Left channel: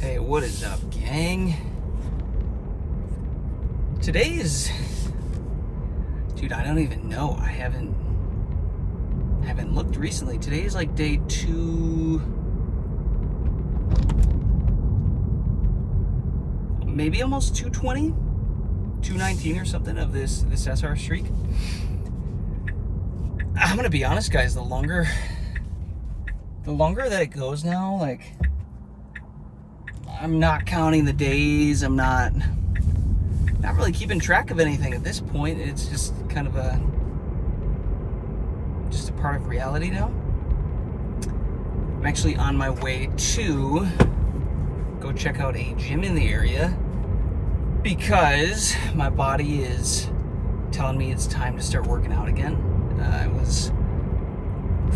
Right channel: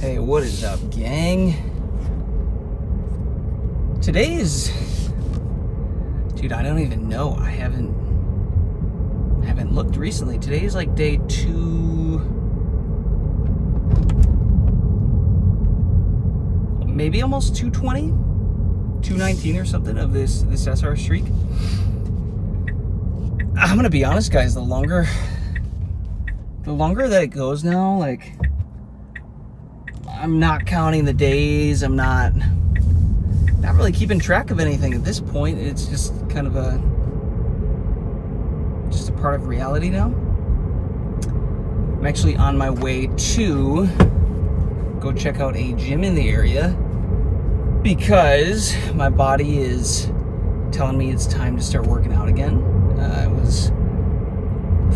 Hey, what is up, gang? Today is... Dude, I don't even know. I haven't looked recently. Today is like day 2... Maybe almost 220? 219 or something of this SR streak. I'm gonna be honest, guys. The longer that it goes now, like... I'm not counting the days. I'm not really keeping track of anything at this point. It's just kind of a part of reality now. I'm actually on my way to go check out a gym in the area because my body is telling me it's time to start working out again. I was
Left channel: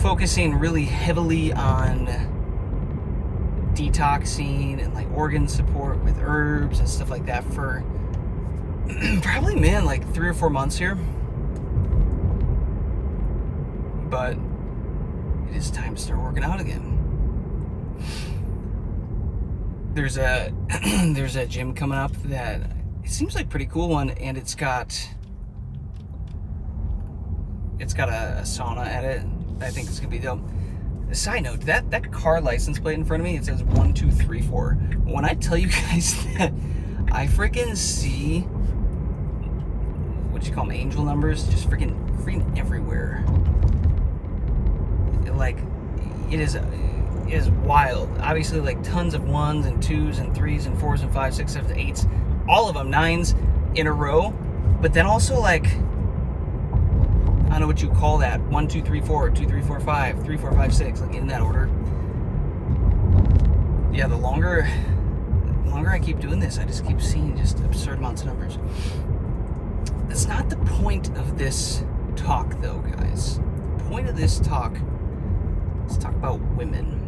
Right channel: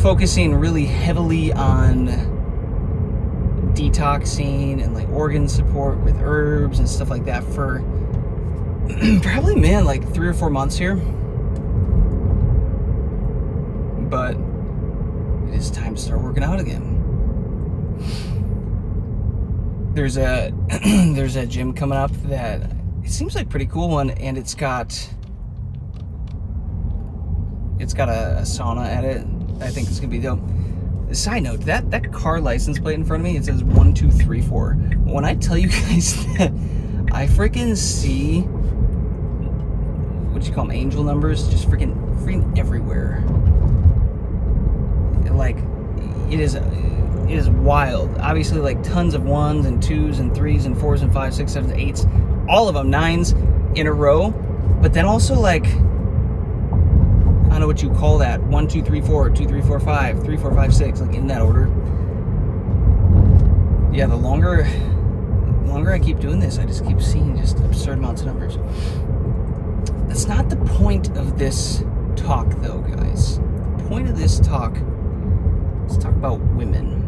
focusing really heavily on detoxing and like organ support with herbs and stuff like that for probably, man, like 3 or 4 months here. But it is time to start working out again. There's a gym coming up that it seems like a pretty cool one, and it's got a sauna at it. I think it's gonna be dope. Side note, that car license plate in front of me, it says 1234. When I tell you guys that I freaking see, what do you call them, angel numbers, just freaking everywhere. Like, it is wild. Obviously, like tons of 1s and 2s and 3s and 4s and 5s, 6s, 7s, 8s, all of them 9s in a row. But then also like, I don't know what you call that. 1, 2, 3, 4, 2, 3, 4, 5, 3, 4, 5, 6, like in that order. Yeah, the longer I keep doing this, I just keep seeing just absurd amounts of numbers. That's not the point of this talk, though, guys. The point of this talk is to talk about women.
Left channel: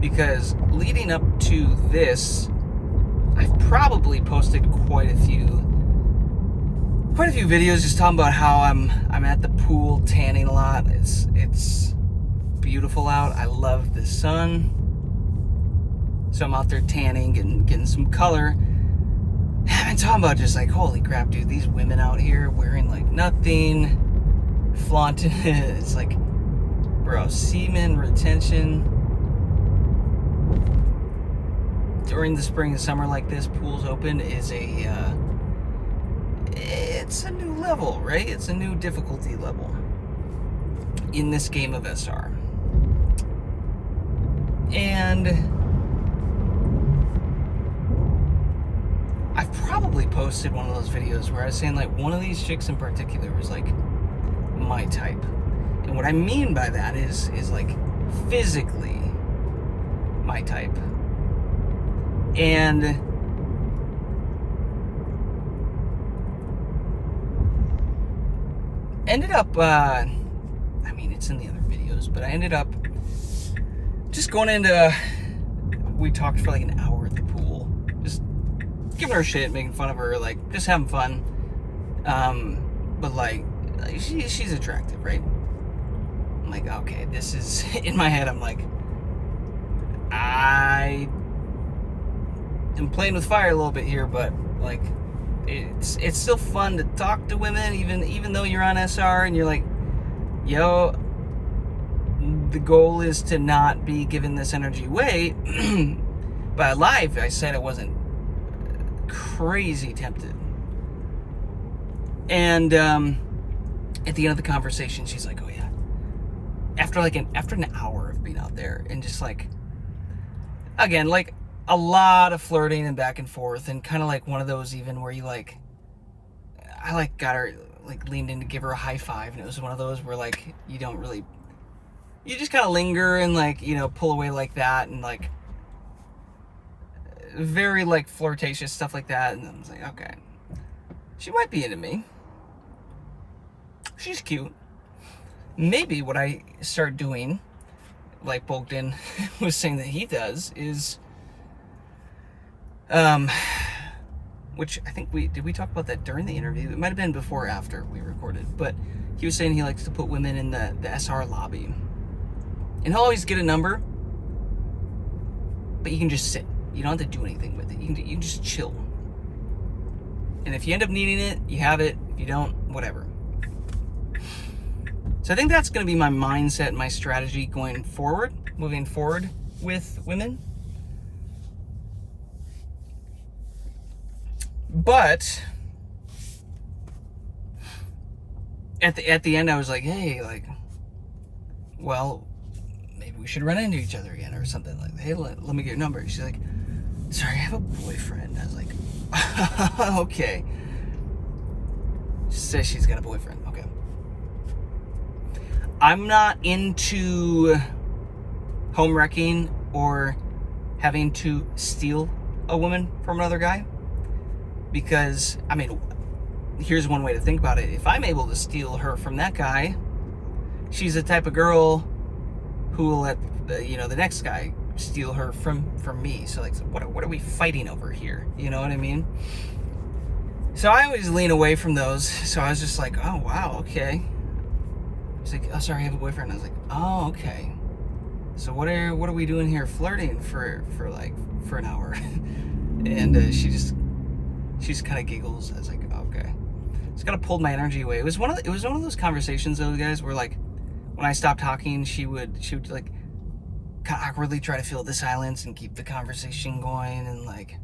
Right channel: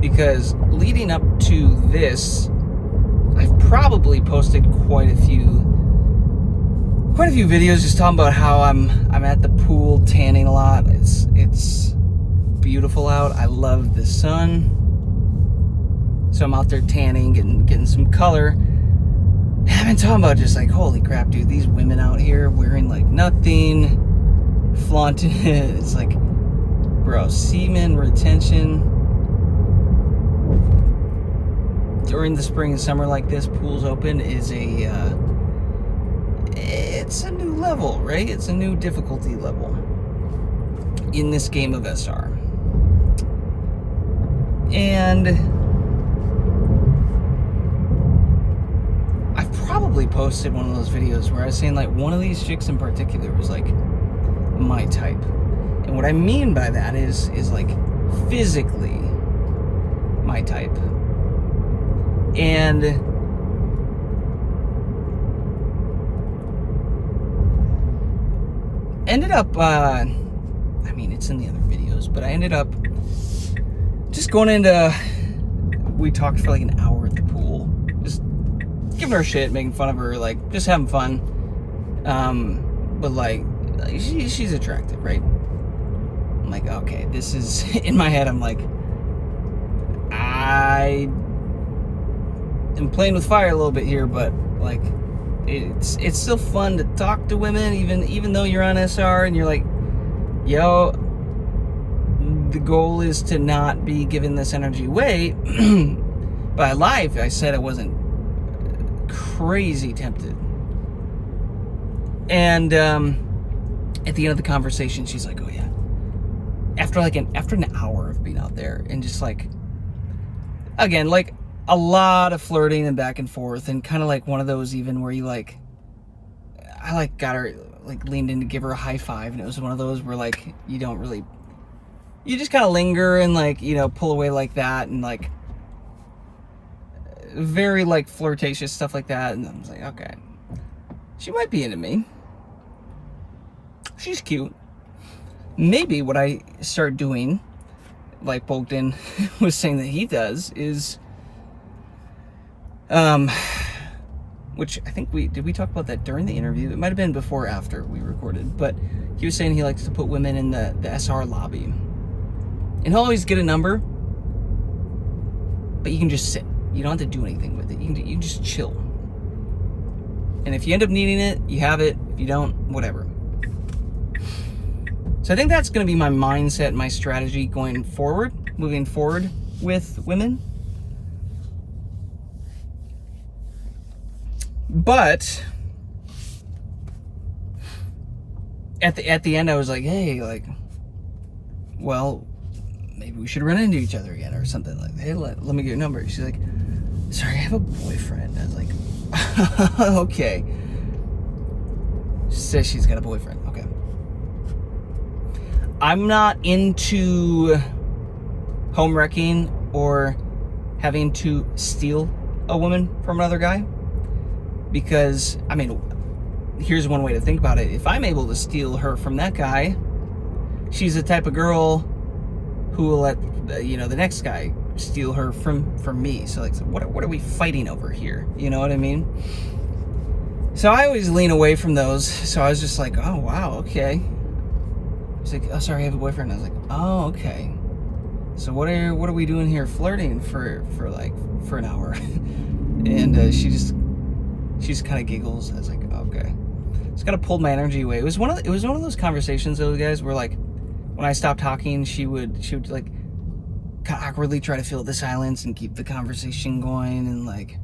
Because leading up to this, I've probably posted quite a few videos just talking about how I'm at the pool tanning a lot. It's beautiful out. I love the sun. So I'm out there tanning and getting some color. And I've been talking about just like, holy crap, dude, these women out here wearing like nothing, flaunting it. It's like, bro, semen retention. During the spring and summer like this, pools open is it's a new level, right? It's a new difficulty level in this game of SR. And I've probably posted one of those videos where I was saying like one of these chicks in particular was like my type. And what I mean by that is like physically my type. And ended up, I mean, it's in the other videos, but I ended up just going into, we talked for like an hour at the pool, just giving her shit, making fun of her, like, just having fun. But like, she's attractive, right? I'm like, okay, this is, in my head, I'm like, I am playing with fire a little bit here, but like, it's still fun to talk to women, even though you're on SR and you're like, yo, the goal is to not be giving this energy away. But live, I said I wasn't crazy tempted. And at the end of the conversation, she's like, oh yeah. After an hour of being out there and just like, again, like, a lot of flirting and back and forth, and kind of like one of those even where you like, I like got her, like leaned in to give her a high five, and it was one of those where like you just kind of linger and like, you know, pull away like that, and like very like flirtatious stuff like that. And I was like, okay, she might be into me. She's cute. Maybe what I start doing, like Bogdan was saying that he does, is which I think did we talk about that during the interview? It might have been before or after we recorded, but he was saying he likes to put women in the SR lobby. And he'll always get a number, but you can just sit. You don't have to do anything with it. You can just chill. And if you end up needing it, you have it. If you don't, whatever. So I think that's going to be my mindset, my strategy going forward, moving forward with women. But at the end, I was like, hey, like, well, maybe we should run into each other again or something. Like, hey, let me get your number. She's like, sorry, I have a boyfriend. I was like, okay. She says she's got a boyfriend. Okay. I'm not into home wrecking or having to steal a woman from another guy. Because, I mean, here's one way to think about it. If I'm able to steal her from that guy, she's the type of girl who will let, the next guy steal her from me. So, like, what are we fighting over here? You know what I mean? So I always lean away from those. So I was just like, oh, wow, okay. He's like, oh, sorry, I have a boyfriend. I was like, oh, okay. So what are we doing here flirting for an hour? And she just kind of giggles. I was like, oh, okay. Just kind of pulled my energy away. It was one of those conversations, though, guys, where like when I stopped talking, she would like kind of awkwardly try to fill the silence and keep the conversation going, and like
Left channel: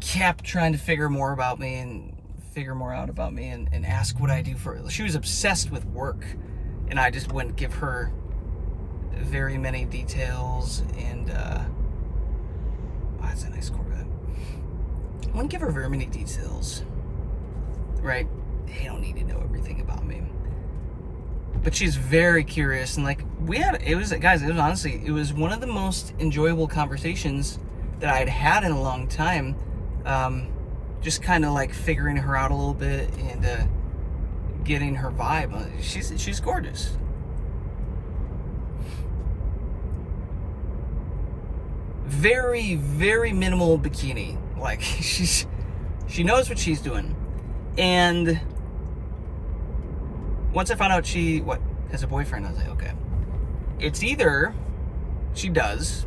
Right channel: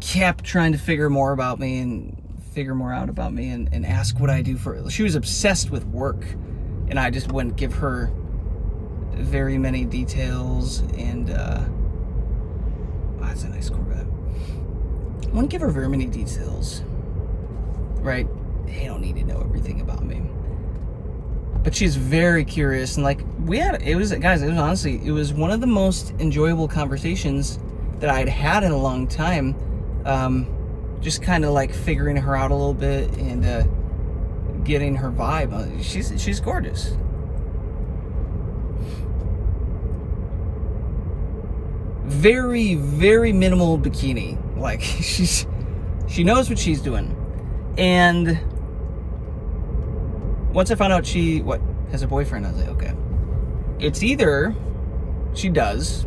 kept trying to figure more out about me and ask what I do for it. She was obsessed with work, and I just wouldn't give her very many details. And that's a nice Corvette. I wouldn't give her very many details, right? They don't need to know everything about me. But she's very curious, and like it was one of the most enjoyable conversations that I had had in a long time. Just kind of like figuring her out a little bit and getting her vibe. She's gorgeous. Very, very minimal bikini. Like she knows what she's doing. And once I found out she has a boyfriend, I was like, okay. It's either she does,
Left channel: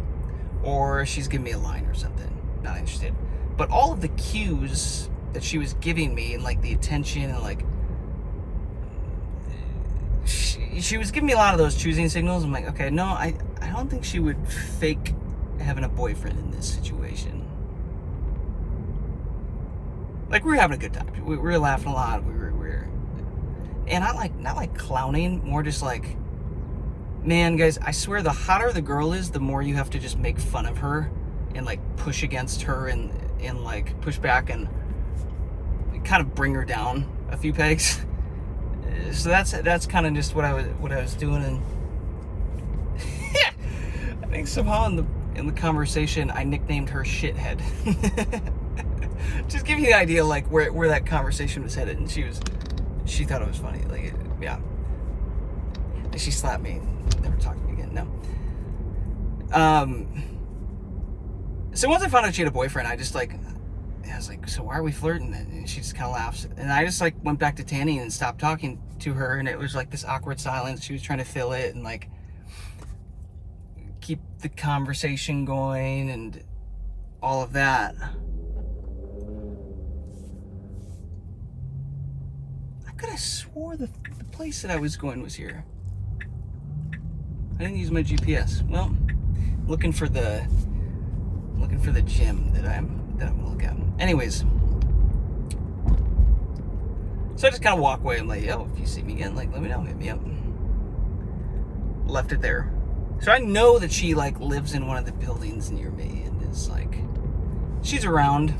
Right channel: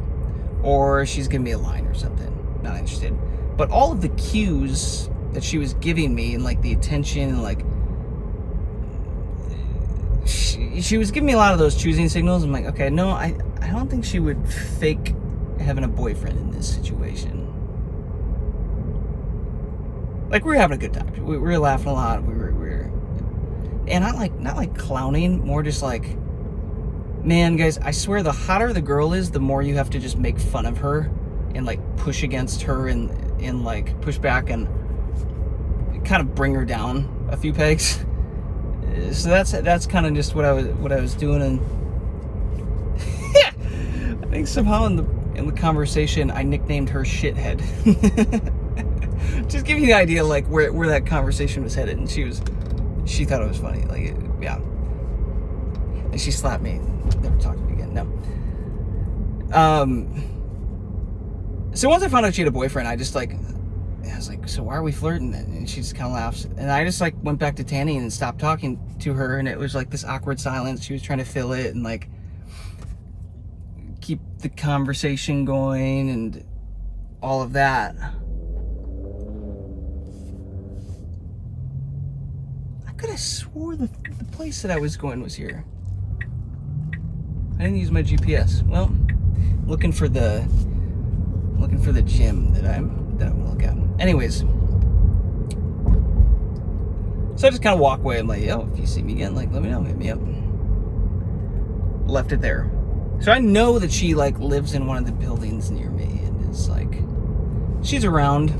or she's giving me a line or something. Not interested. But all of the cues that she was giving me, and like the attention, and like she was giving me a lot of those choosing signals. I'm like, okay, no, I don't think she would fake having a boyfriend in this situation. Like, we were having a good time. We were laughing a lot. We were, and not like clowning, more just like, man, guys, I swear, the hotter the girl is, the more you have to just make fun of her and like push against her and like push back and kind of bring her down a few pegs. So that's kind of just what I was doing. And I think somehow in the conversation I nicknamed her Shithead. Just give you the idea like where that conversation was headed. And she thought it was funny. Like, yeah. And she slapped me and never talked to me again. No. So once I found out she had a boyfriend, I was like, so why are we flirting? And she just kind of laughs. And I just like went back to tanning and stopped talking to her. And it was like this awkward silence. She was trying to fill it and like keep the conversation going and all of that. I could have swore the place that I was going was here. I didn't use my GPS. Well, looking for the gym that I'm gonna look at. Anyways, so I just kind of walk away. I'm like, yo, if you see me again, like, let me know, hit me up. Left it there. So I know that she like lives in one of the buildings near me, and is like, she's around.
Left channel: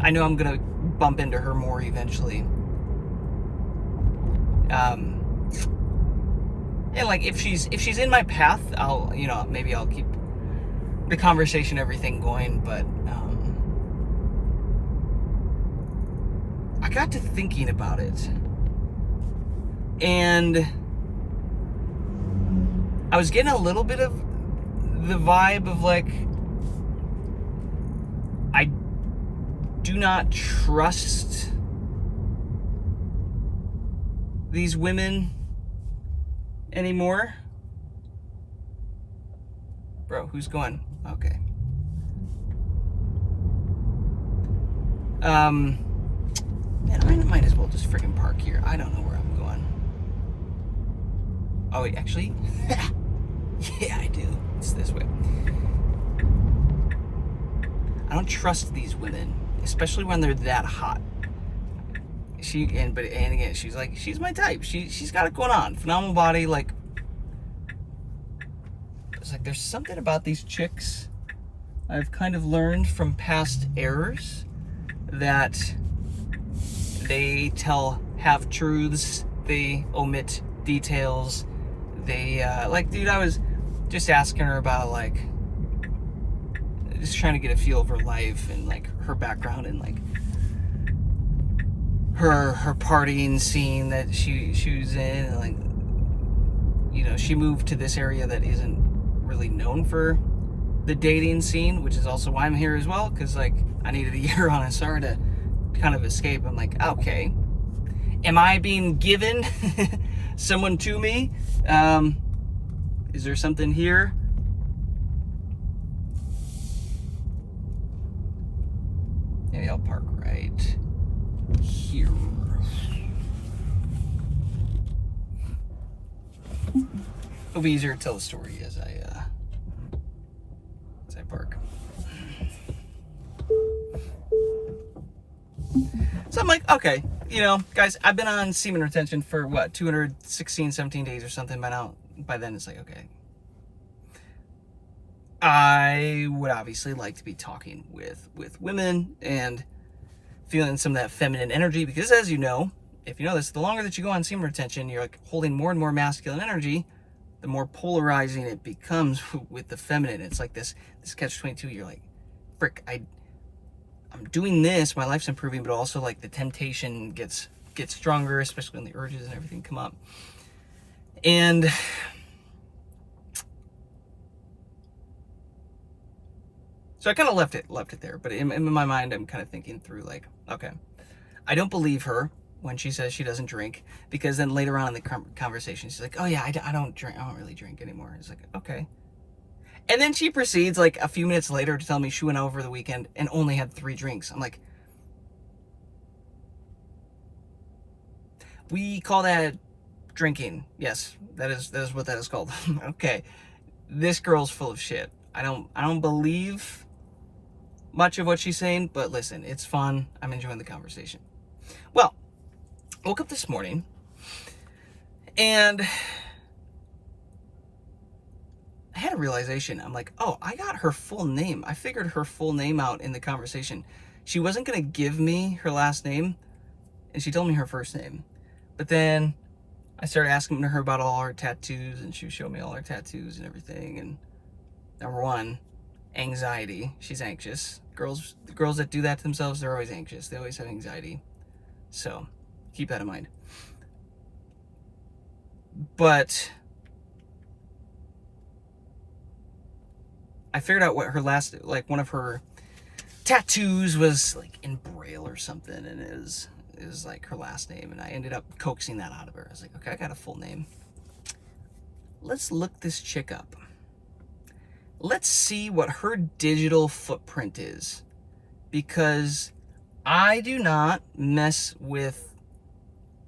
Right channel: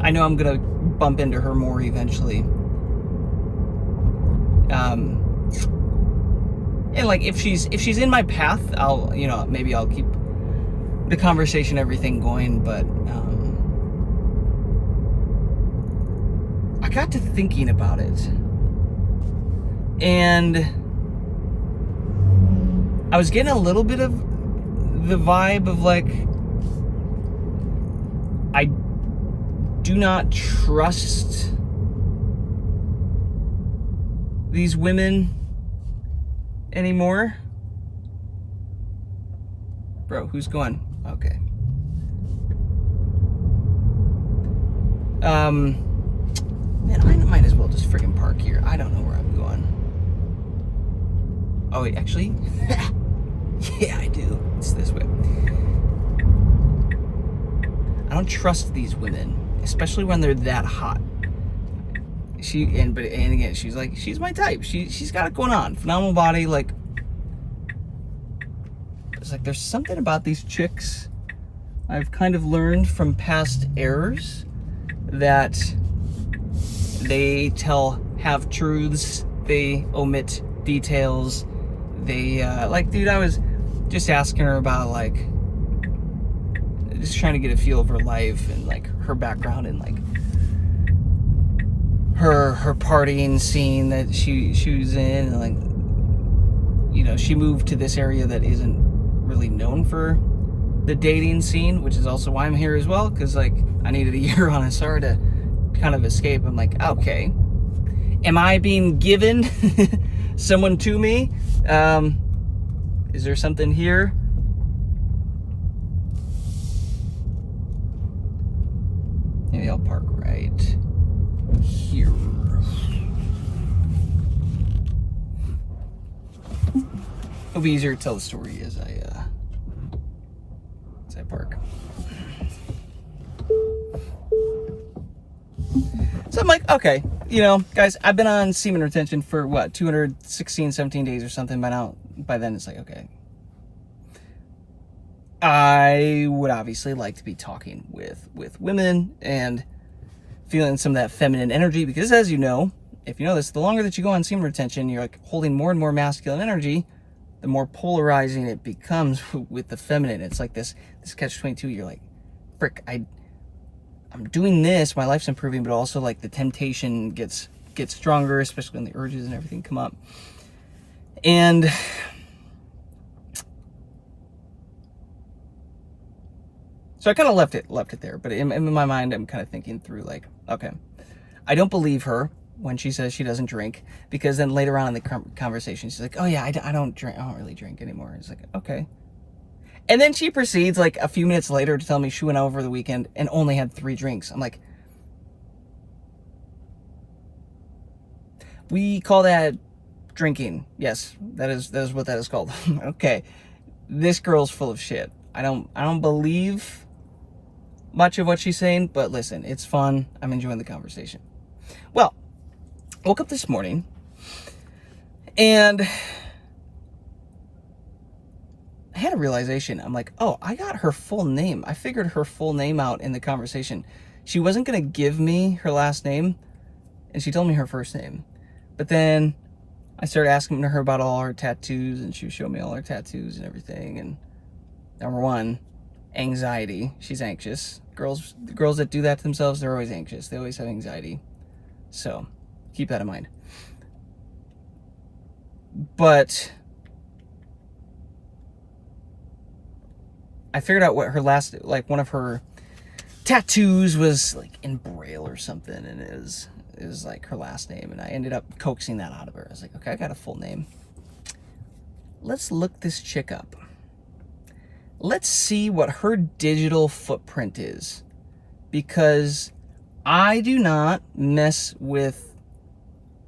I know I'm gonna bump into her more eventually. And like if she's in my path, I'll maybe I'll keep the conversation, everything going. But I got to thinking about it, and I was getting a little bit of the vibe of like, I do not trust these women anymore. Bro, who's going? Okay. Man, I might as well just freaking park here. I don't know where I'm going. Oh, wait, actually, yeah, I do. It's this way. I don't trust these women, especially when they're that hot. And again, she's like, she's my type. She's got it going on. Phenomenal body. Like, it's like there's something about these chicks I've kind of learned from past errors that they tell half truths, they omit details. They like, dude, I was just asking her about, like, just trying to get a feel of her life and like her background and like her partying scene that she was in, and like, you know, she moved to this area that isn't really known for the dating scene, which is also why I'm here as well, because like I needed a year on SR to kind of escape. I'm like, okay, am I being given someone to me? Is there something here? Maybe I'll park right here. It'll be easier to tell the story as I park. So I'm like, okay, you know, guys, I've been on semen retention for what, 216, 17 days or something by now. By then it's like, okay, I would obviously like to be talking with women and feeling some of that feminine energy, because as you know, if you know this, the longer that you go on semen retention, you're like holding more and more masculine energy, the more polarizing it becomes with the feminine. It's like this catch-22. You're like, frick, I'm doing this, my life's improving, but also like the temptation gets stronger, especially when the urges and everything come up. And so I kind of left it there. But in my mind, I'm kind of thinking through like, okay, I don't believe her when she says she doesn't drink, because then later on in the conversation, she's like, oh yeah, I don't drink. I don't really drink anymore. It's like, okay. And then she proceeds like a few minutes later to tell me she went out over the weekend and only had 3 drinks. I'm like, we call that drinking. Yes, that is what that is called. Okay. This girl's full of shit. I don't believe much of what she's saying, but listen, it's fun. I'm enjoying the conversation. Well, I woke up this morning and I had a realization. I'm like, oh, I got her full name. I figured her full name out in the conversation. She wasn't going to give me her last name, and she told me her first name. But then I started asking her about all her tattoos, and she would show me all her tattoos and everything. And number one, anxiety. She's anxious. The girls that do that to themselves, they're always anxious. They always have anxiety. So keep that in mind. But I figured out what her last, like one of her tattoos was like in Braille or something, and it is like her last name, and I ended up coaxing that out of her. I was like, okay, I got a full name. Let's look this chick up. Let's see what her digital footprint is, because I do not mess with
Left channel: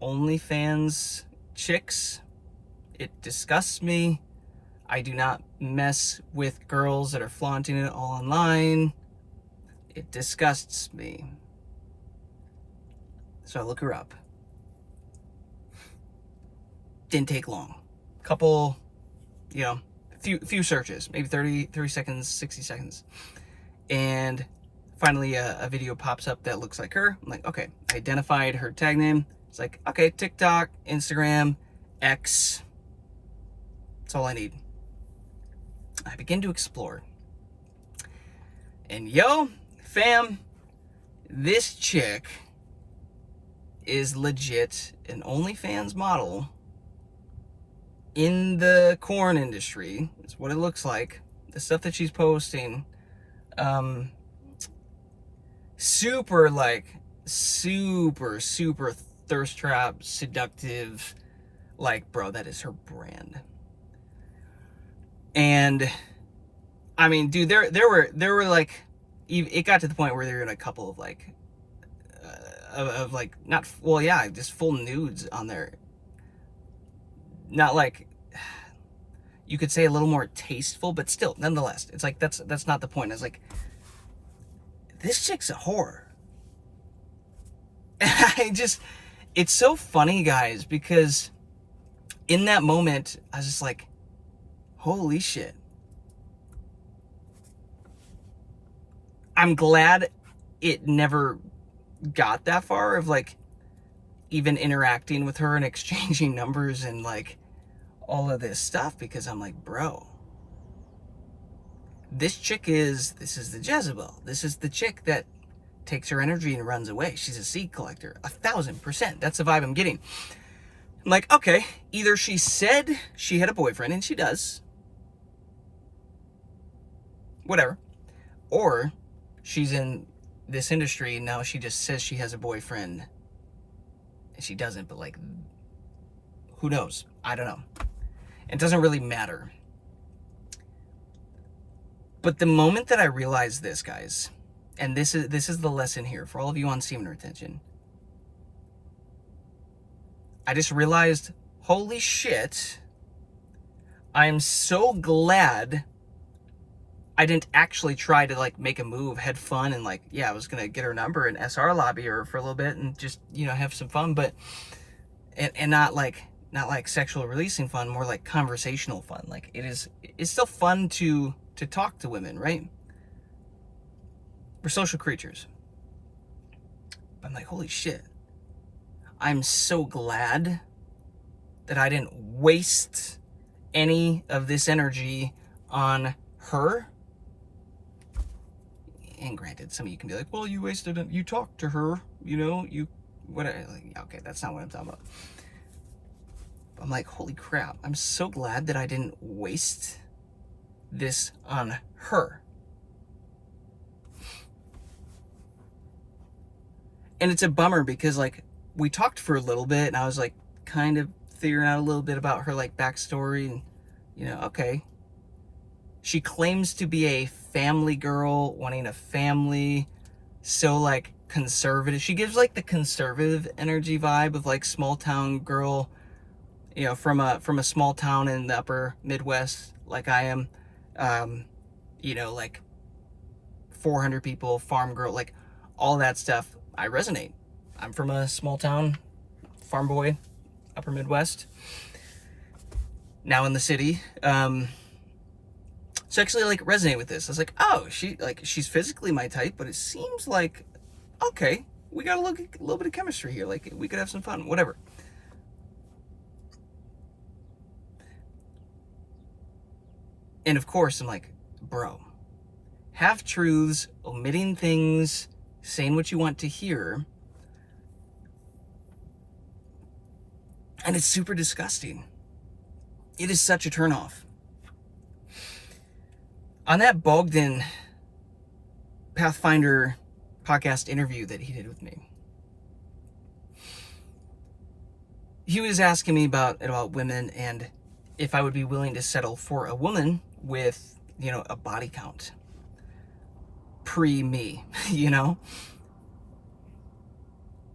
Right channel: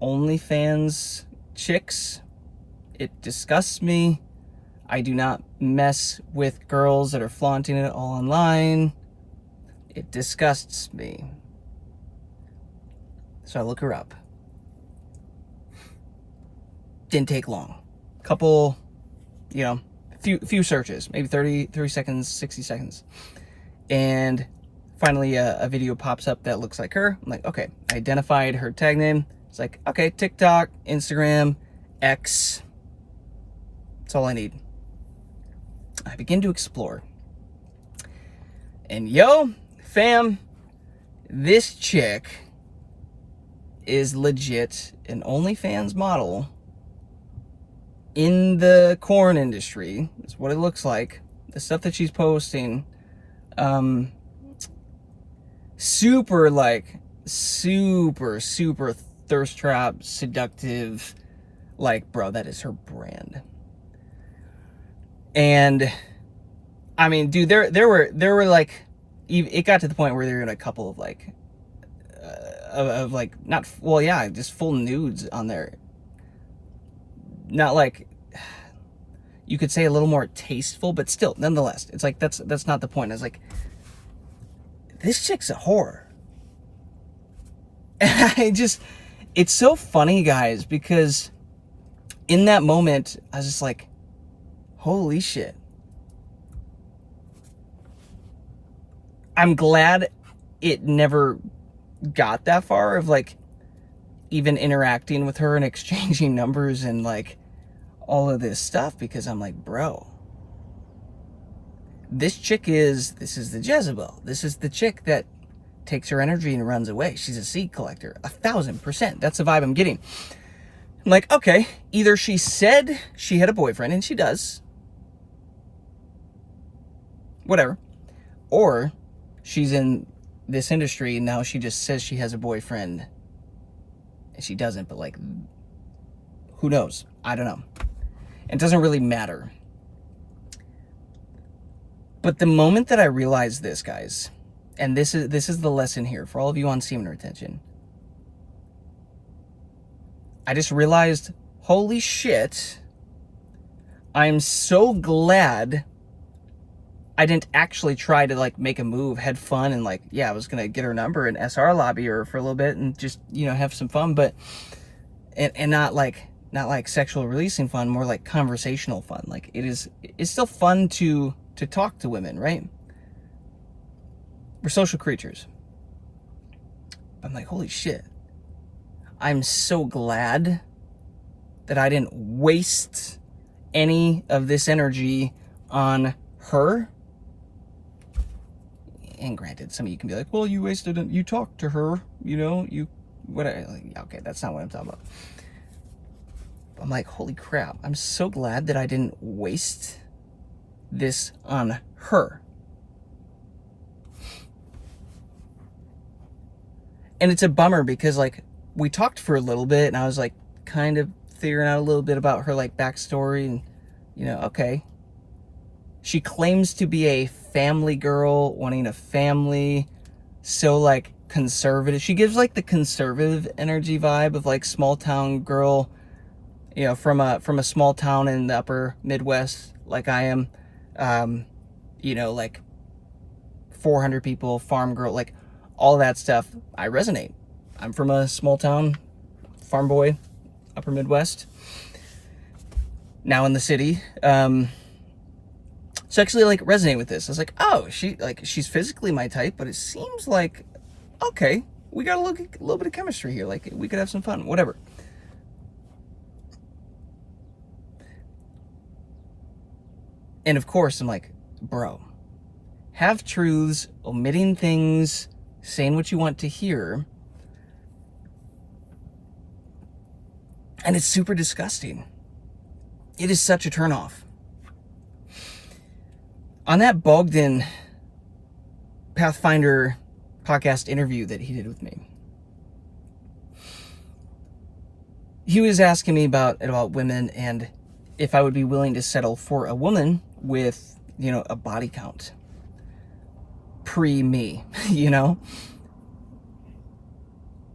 OnlyFans chicks. It disgusts me. I do not mess with girls that are flaunting it all online. It disgusts me. So I look her up. Didn't take long. Couple, you know, few searches, maybe 30 seconds, 60 seconds. And finally a video pops up that looks like her. I'm like, okay, I identified her tag name. It's like, okay, TikTok, Instagram, X. That's all I need. I begin to explore. And yo, fam, this chick is legit an OnlyFans model in the corn industry. Is what it looks like. The stuff that she's posting, super thirst trap, seductive. Like, bro, that is her brand. And I mean, dude, there were like, it got to the point where there were a couple of like, of like, not, well, yeah, just full nudes on there. Not like, you could say a little more tasteful, but still, nonetheless, it's like, that's not the point. It's like, this chick's a whore. And it's so funny, guys, because in that moment, I was just like, holy shit. I'm glad it never got that far of like even interacting with her and exchanging numbers and like all of this stuff, because I'm like, bro, this is the Jezebel. This is the chick that takes her energy and runs away. She's a seed collector, 1000%. That's the vibe I'm getting. I'm like, okay, either she said she had a boyfriend, and she does, whatever, or she's in this industry and now she just says she has a boyfriend and she doesn't, but like, who knows? I don't know. It doesn't really matter. But the moment that I realized this, guys, and this is the lesson here for all of you on semen retention, I just realized, holy shit, I'm so glad I didn't actually try to like make a move, had fun, and like, yeah, I was gonna get her number and SR lobby her for a little bit and just, you know, have some fun, but and not like sexual releasing fun, more like conversational fun. Like it's still fun to talk to women, right? We're social creatures. I'm like, holy shit. I'm so glad that I didn't waste any of this energy on her. And granted, some of you can be like, well, you wasted it. You talked to her, you know, okay, that's not what I'm talking about. I'm like, holy crap. I'm so glad that I didn't waste this on her. And it's a bummer because like we talked for a little bit and I was like kind of figuring out a little bit about her like backstory, and you know, okay. She claims to be a family girl, wanting a family, so like conservative. She gives like the conservative energy vibe of like small town girl, you know, from a small town in the upper Midwest, like I am. You know, like 400 people, farm girl, like all that stuff. I resonate. I'm from a small town, farm boy, upper Midwest, now in the city. So actually like resonate with this. I was like, oh, she's physically my type, but it seems like, okay, we got a little bit of chemistry here. Like we could have some fun, whatever. And of course I'm like, bro, half truths, omitting things, saying what you want to hear. And it's super disgusting. It is such a turnoff. On that Bogdan Pathfinder podcast interview that he did with me, he was asking me about women and if I would be willing to settle for a woman with, you know, a body count pre-me, you know?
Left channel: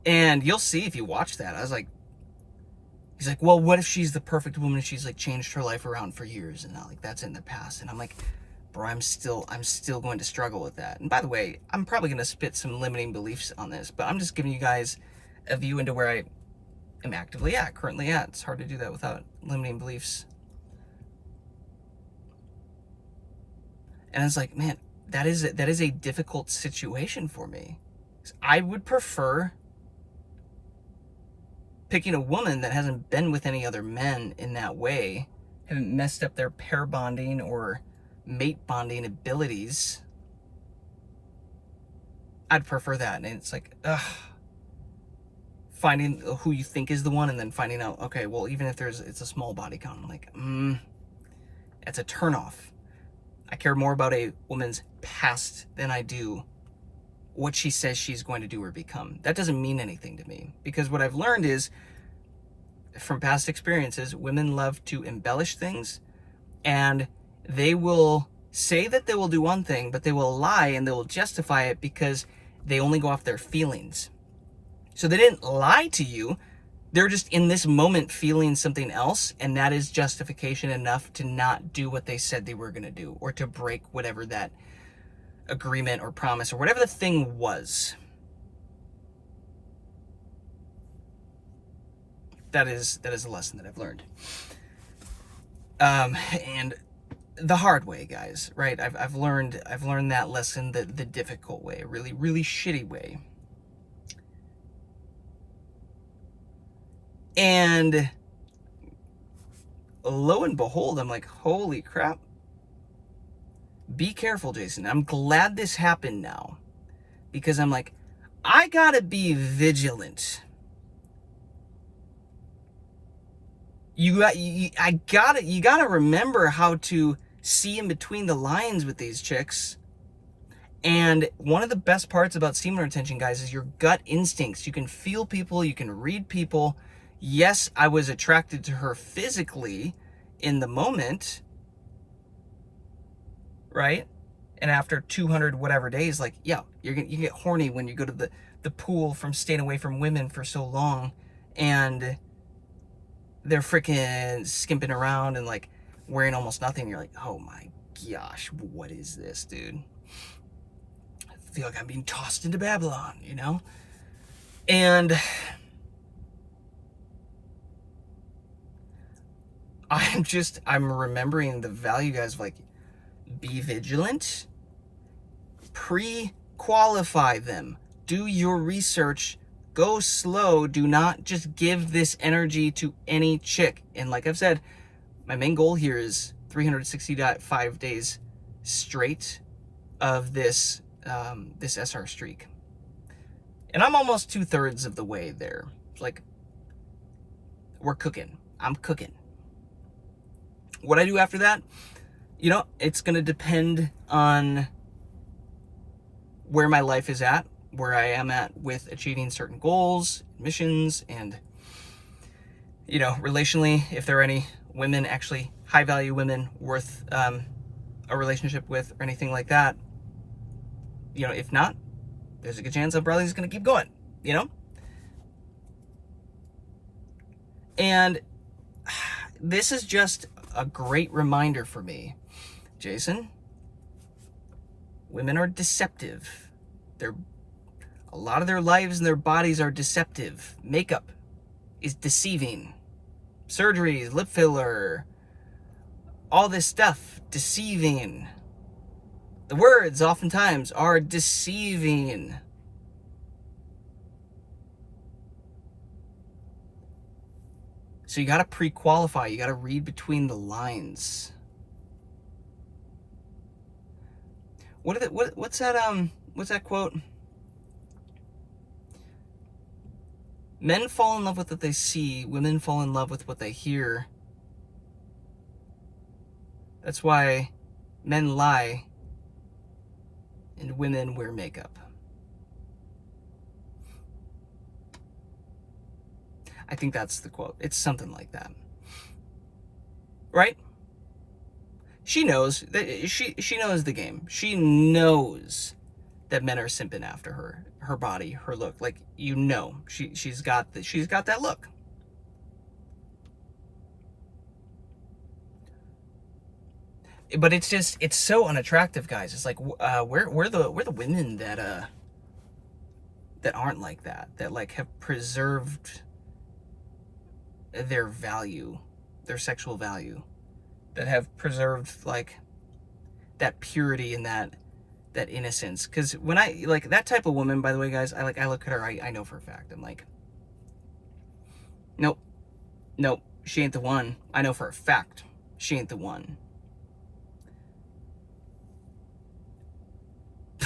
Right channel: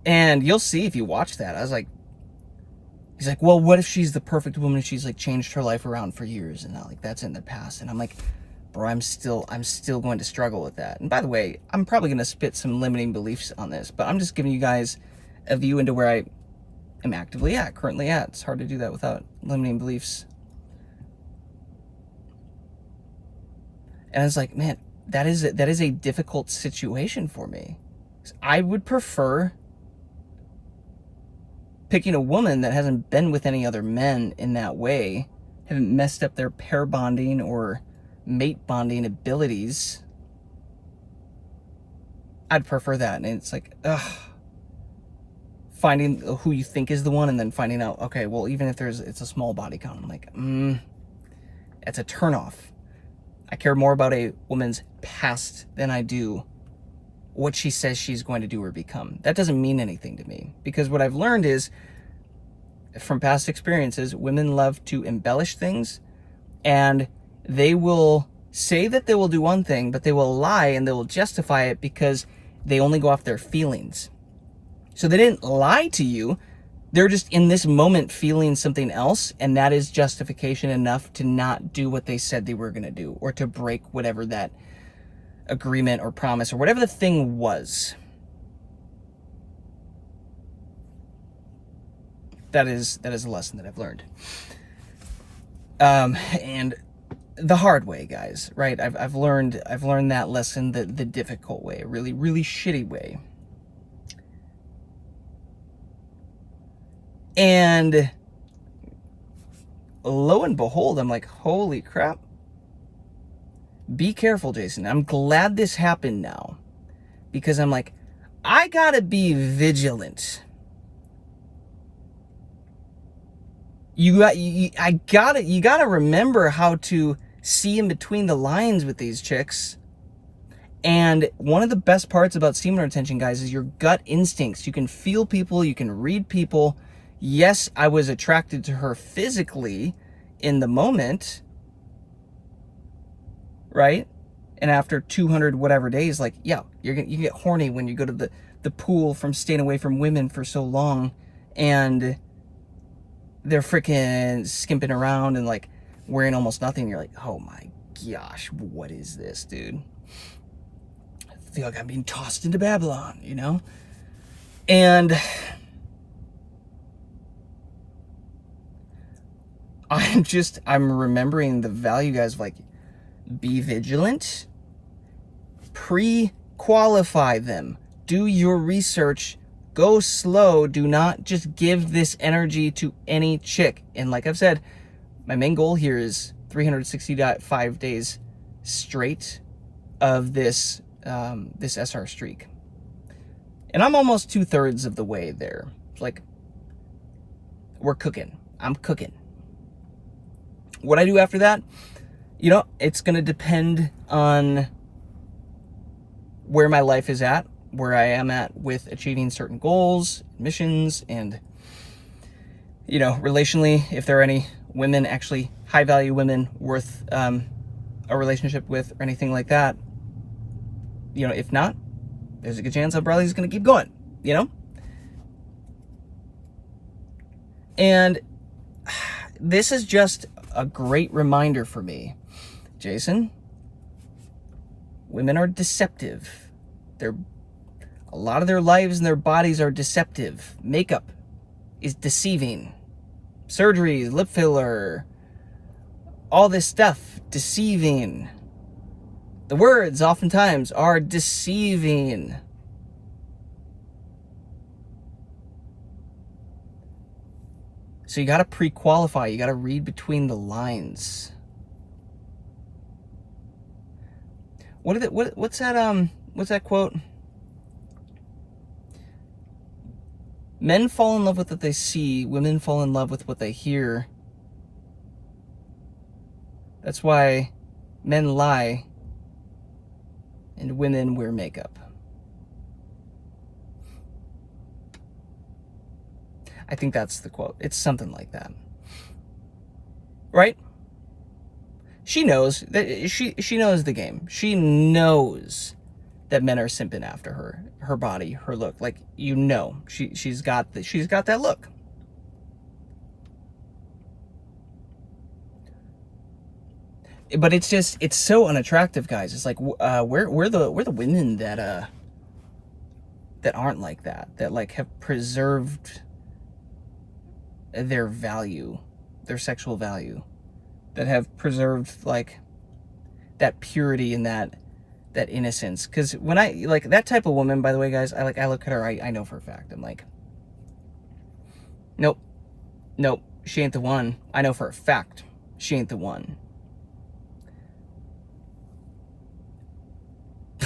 And you'll see if you watch that. I was like, he's like, well, what if she's the perfect woman and she's like changed her life around for years and now like that's in the past? And I'm like, bro, I'm still going to struggle with that. And by the way, I'm probably going to spit some limiting beliefs on this, but I'm just giving you guys a view into where I am currently at. It's hard to do that without limiting beliefs. And I was like, man, that is a difficult situation for me. I would prefer picking a woman that hasn't been with any other men in that way, haven't messed up their pair bonding or mate bonding abilities. I'd prefer that. And it's like, finding who you think is the one and then finding out, okay, well, even if it's a small body count, I'm like, it's a turnoff. I care more about a woman's past than I do what she says she's going to do or become. That doesn't mean anything to me, because what I've learned is from past experiences, women love to embellish things, and they will say that they will do one thing, but they will lie and they will justify it because they only go off their feelings. So they didn't lie to you. They're just in this moment feeling something else, and that is justification enough to not do what they said they were going to do, or to break whatever that agreement or promise or whatever the thing was. That is a lesson that I've learned. And the hard way, guys, right? I've learned that lesson the difficult way, a really, really shitty way. And lo and behold, I'm like, holy crap. Be careful, Jason. I'm glad this happened now, because I'm like, I gotta be vigilant. You gotta remember how to see in between the lines with these chicks. And one of the best parts about semen retention, guys, is your gut instincts. You can feel people, you can read people. Yes, I was attracted to her physically in the moment, right? And after 200 whatever days, like, yeah, you get horny when you go to the pool from staying away from women for so long, and they're freaking skimping around and like wearing almost nothing. You're like, oh my gosh, what is this, dude? I feel like I'm being tossed into Babylon, you know? And I'm remembering the value, guys, of like, be vigilant, pre-qualify them, do your research, go slow, do not just give this energy to any chick. And like I've said, my main goal here is 365 days straight of this this SR streak. And I'm almost 2/3 of the way there. It's like, we're cooking. I'm cooking. What I do after that, you know, it's going to depend on where my life is at, where I am at with achieving certain goals, missions, and, you know, relationally, if there are any women, actually high value women worth a relationship with or anything like that. You know, if not, there's a good chance I'm probably just going to keep going, you know? And this is just a great reminder for me, Jason. Women are deceptive. A lot of their lives and their bodies are deceptive. Makeup is deceiving. Surgery, lip filler, all this stuff, deceiving. The words oftentimes are deceiving. So you got to pre-qualify. You got to read between the lines. What's that quote? Men fall in love with what they see. Women fall in love with what they hear. That's why men lie and women wear makeup. I think that's the quote. It's something like that. Right? She knows that she knows the game. She knows that men are simping after her body, her look. Like, you know, she's got that look. But it's so unattractive, guys. It's like, we're the women that aren't like that like have preserved their value, their sexual value, that have preserved like that purity and that innocence. Because when I like that type of woman, by the way, guys, I look at her, I know for a fact, I'm like, nope, she ain't the one. I know for a fact she ain't the one.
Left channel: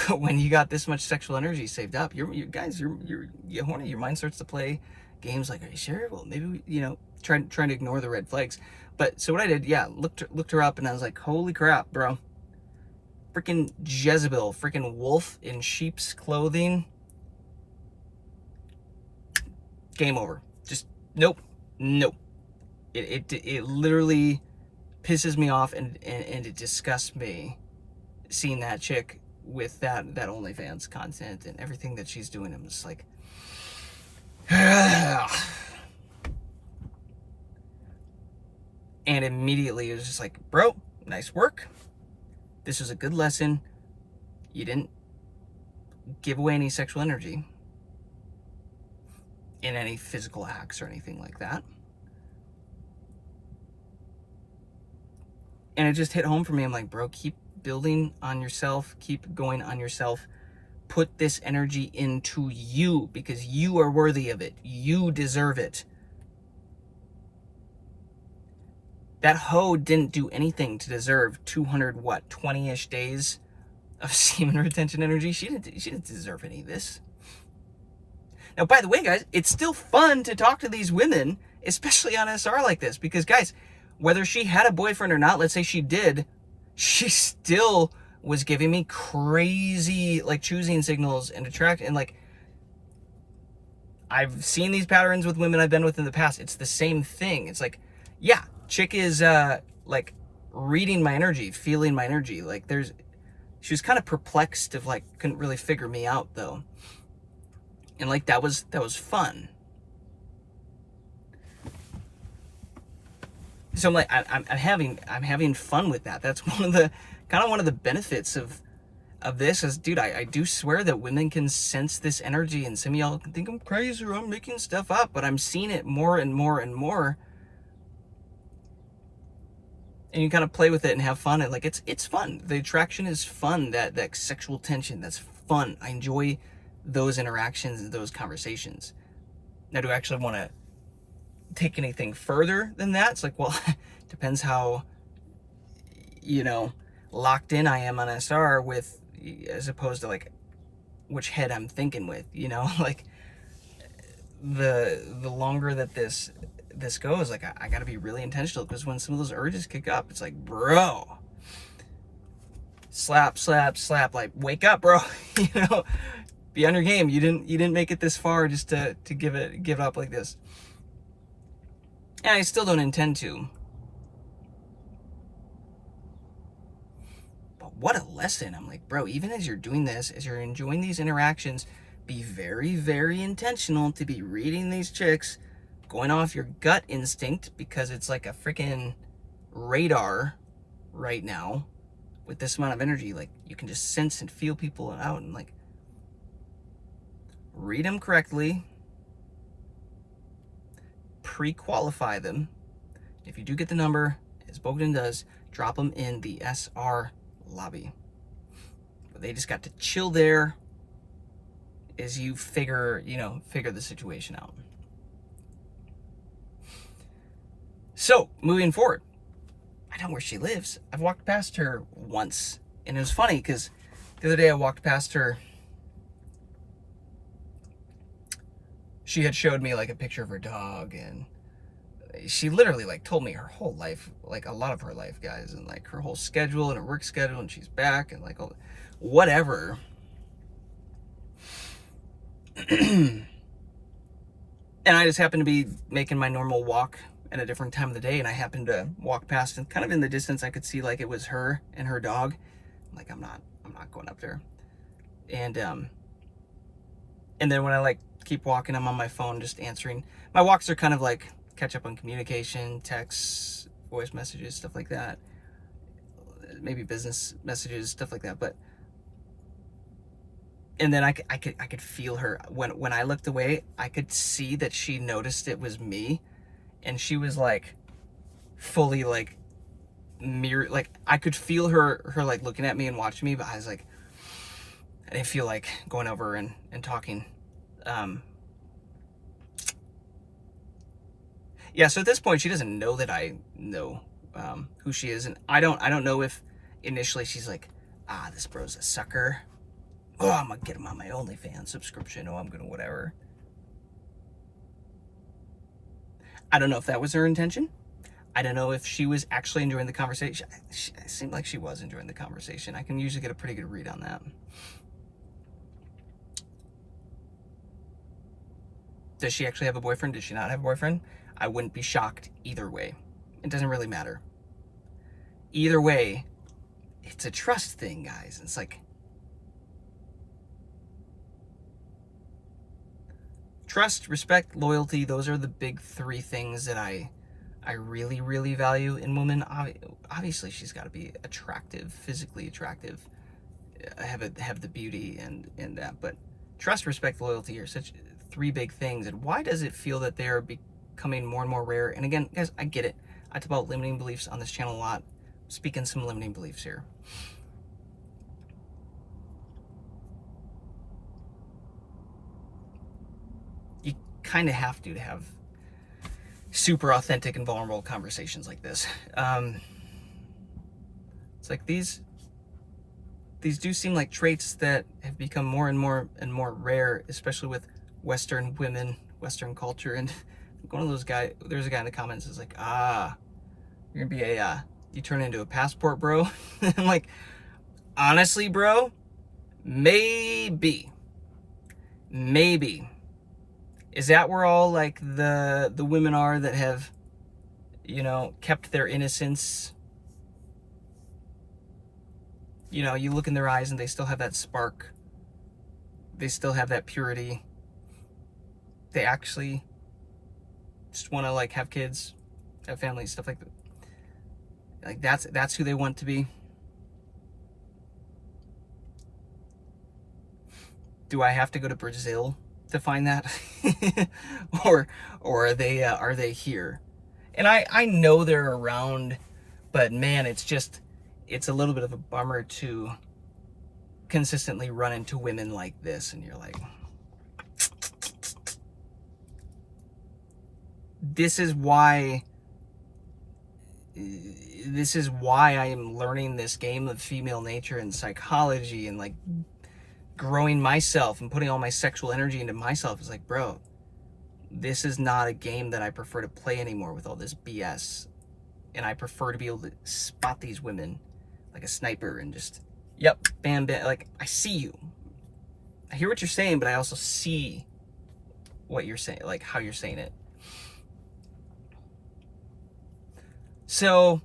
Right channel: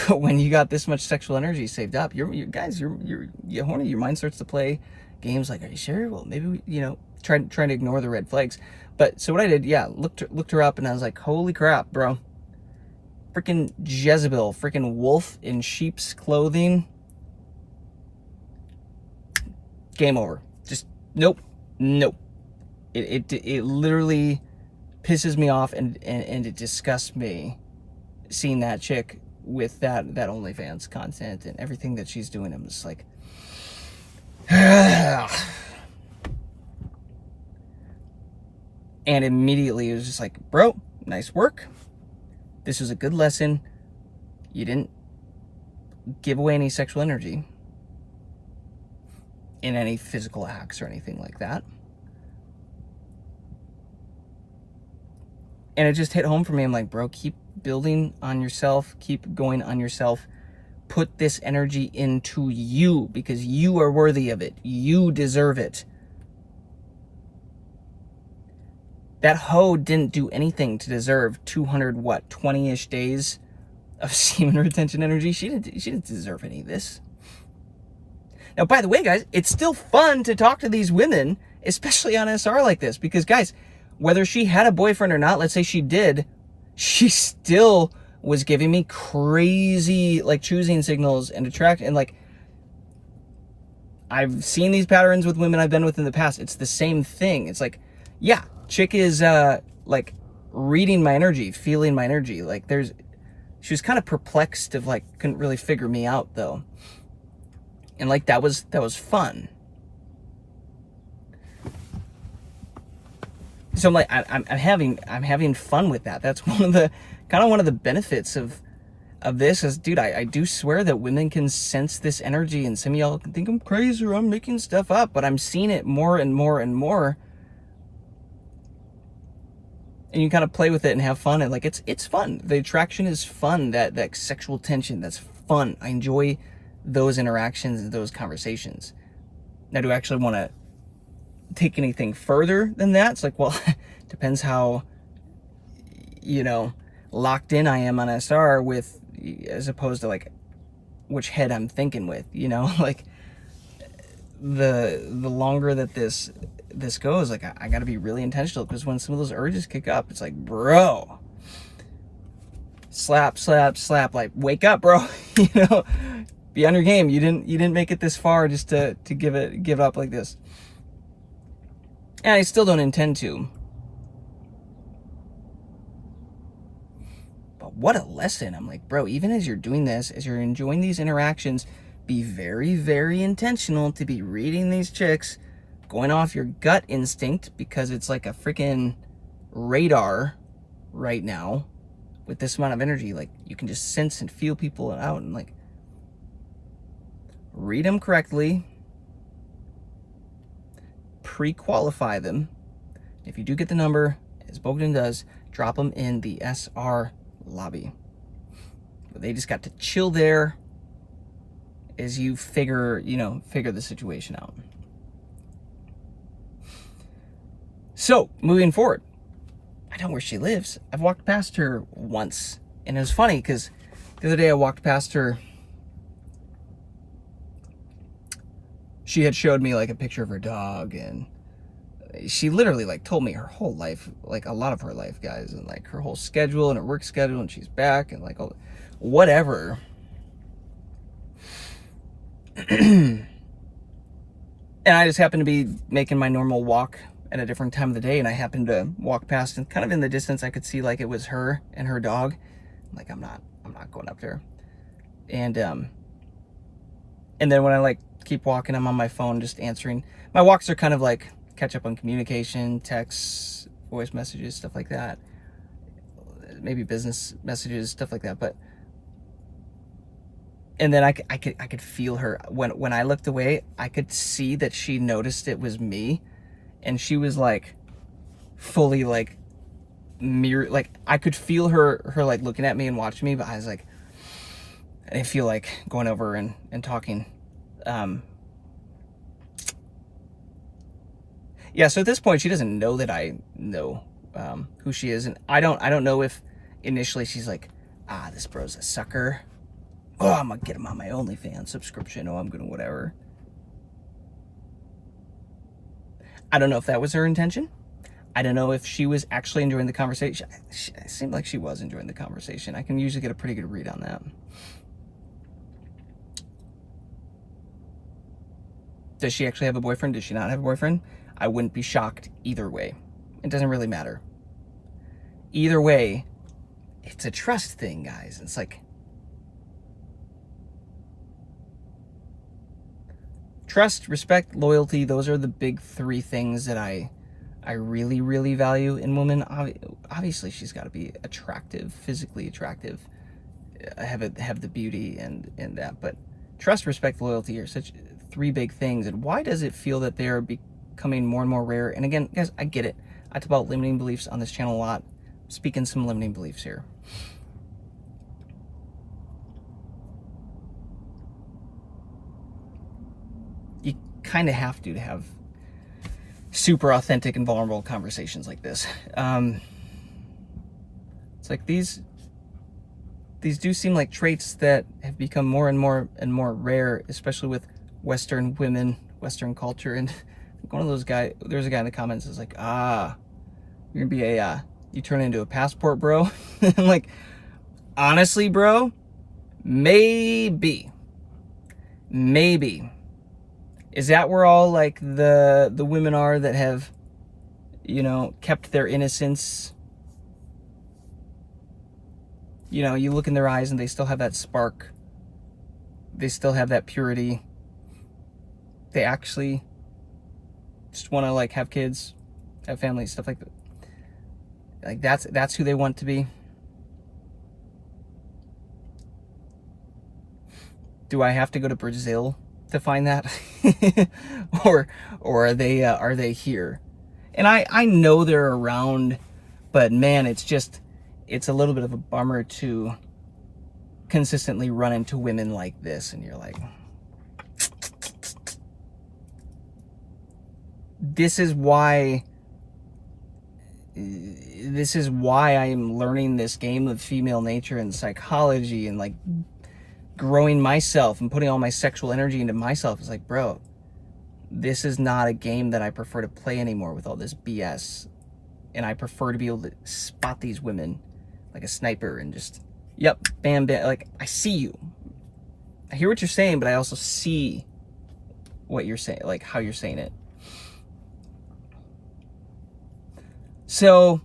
When you got this much sexual energy saved up, you're horny. Your mind starts to play games like, are you sure? Well, maybe trying to ignore the red flags. But so what I did, yeah, looked her up, and I was like, holy crap, bro. Freaking Jezebel, freaking wolf in sheep's clothing. Game over. Just nope. It literally pisses me off, and it disgusts me seeing that chick with that OnlyFans content and everything that she's doing. I'm just like, and immediately it was just like, bro, nice work. This was a good lesson. You didn't give away any sexual energy in any physical acts or anything like that. And it just hit home for me. I'm like, bro, keep building on yourself. Keep going on yourself. Put this energy into you because you are worthy of it. You deserve it. That hoe didn't do anything to deserve 20-ish days of semen retention energy. She didn't deserve any of this. Now, by the way, guys, it's still fun to talk to these women, especially on SR like this, because, guys, whether she had a boyfriend or not, let's say she did, she still was giving me crazy, like, choosing signals and and, like, I've seen these patterns with women I've been with in the past. It's the same thing. It's like, yeah, chick is, like, reading my energy, feeling my energy. Like, she was kind of perplexed of, like, couldn't really figure me out, though. And, like, that was fun. So I'm like, I'm having fun with that. That's one of the benefits of this is, dude, I do swear that women can sense this energy, and some of y'all can think I'm crazy or I'm making stuff up, but I'm seeing it more and more and more. And you kind of play with it and have fun, and like it's fun. The attraction is fun. That sexual tension, that's fun. I enjoy those interactions and those conversations. Now, do I actually want to take anything further than that? It's like, well, depends how, locked in I am on SR with, as opposed to like which head I'm thinking with, like the longer that this goes, like I gotta be really intentional, because when some of those urges kick up, it's like, bro, slap, like, wake up, bro. Be on your game. You didn't make it this far just to give it up like this. And I still don't intend to. But what a lesson. I'm like, bro, even as you're doing this, as you're enjoying these interactions, be very, very intentional to be reading these chicks, going off your gut instinct, because it's like a freaking radar right now with this amount of energy. Like, you can just sense and feel people out, and like, read them correctly, pre-qualify them. If you do get the number, as Bogdan does, drop them in the SR lobby. They just got to chill there as you figure the situation out. So, moving forward, I know where she lives. I've walked past her once, and it was funny because the other day I walked past her. She had showed me like a picture of her dog, and she literally like told me her whole life, like a lot of her life, guys, and like her whole schedule and her work schedule, and she's back and like whatever. And I just happened to be making my normal walk at a different time of the day, and I happened to walk past, and kind of in the distance I could see like it was her and her dog. I'm like, I'm not going up there. And then when I like keep walking, I'm on my phone just answering. My walks are kind of like catch up on communication, texts, voice messages, stuff like that. Maybe business messages, stuff like that. And then I could feel her when I looked away. I could see that she noticed it was me, and she was like fully like mirror, like I could feel her like looking at me and watching me, but I was like, I didn't feel like going over and talking. Yeah, so at this point she doesn't know that I know who she is, and I don't know if initially she's like, this bro's a sucker. Oh, I'm gonna get him on my OnlyFans subscription. Oh, I'm gonna whatever. I don't know if that was her intention. I don't know if she was actually enjoying the conversation. It seemed like she was enjoying the conversation. I can usually get a pretty good read on that. Does she actually have a boyfriend? Does she not have a boyfriend? I wouldn't be shocked either way. It doesn't really matter. Either way, it's a trust thing, guys. It's like trust, respect, loyalty. Those are the big three things that I really, really value in women. Obviously, she's got to be attractive, physically attractive, have the beauty and that. But trust, respect, loyalty are such three big things. And why does it feel that they are becoming more and more rare? And again, guys, I get it. I talk about limiting beliefs on this channel a lot. I'm speaking some limiting beliefs here. You kind of have to have super authentic and vulnerable conversations like this. It's like these do seem like traits that have become more and more rare, especially with Western women, Western culture. And one of those guys, there's a guy in the comments is like, you're gonna be you turn into a passport, bro. I'm like, honestly, bro, maybe. Is that where all like the women are that have, you know, kept their innocence? You know, you look in their eyes and they still have that spark. They still have that purity. They actually just want to like have kids, have families, stuff like that. Like that's who they want to be. Do I have to go to Brazil to find that? or are they here? And I know they're around, but man, it's a little bit of a bummer to consistently run into women like this, and you're like, this is why I am learning this game of female nature and psychology and like growing myself and putting all my sexual energy into myself. It's like, bro, this is not a game that I prefer to play anymore with all this BS. And I prefer to be able to spot these women like a sniper and just, yep, bam, bam. Like, I see you. I hear what you're saying, but I also see what you're saying, like how you're saying it. So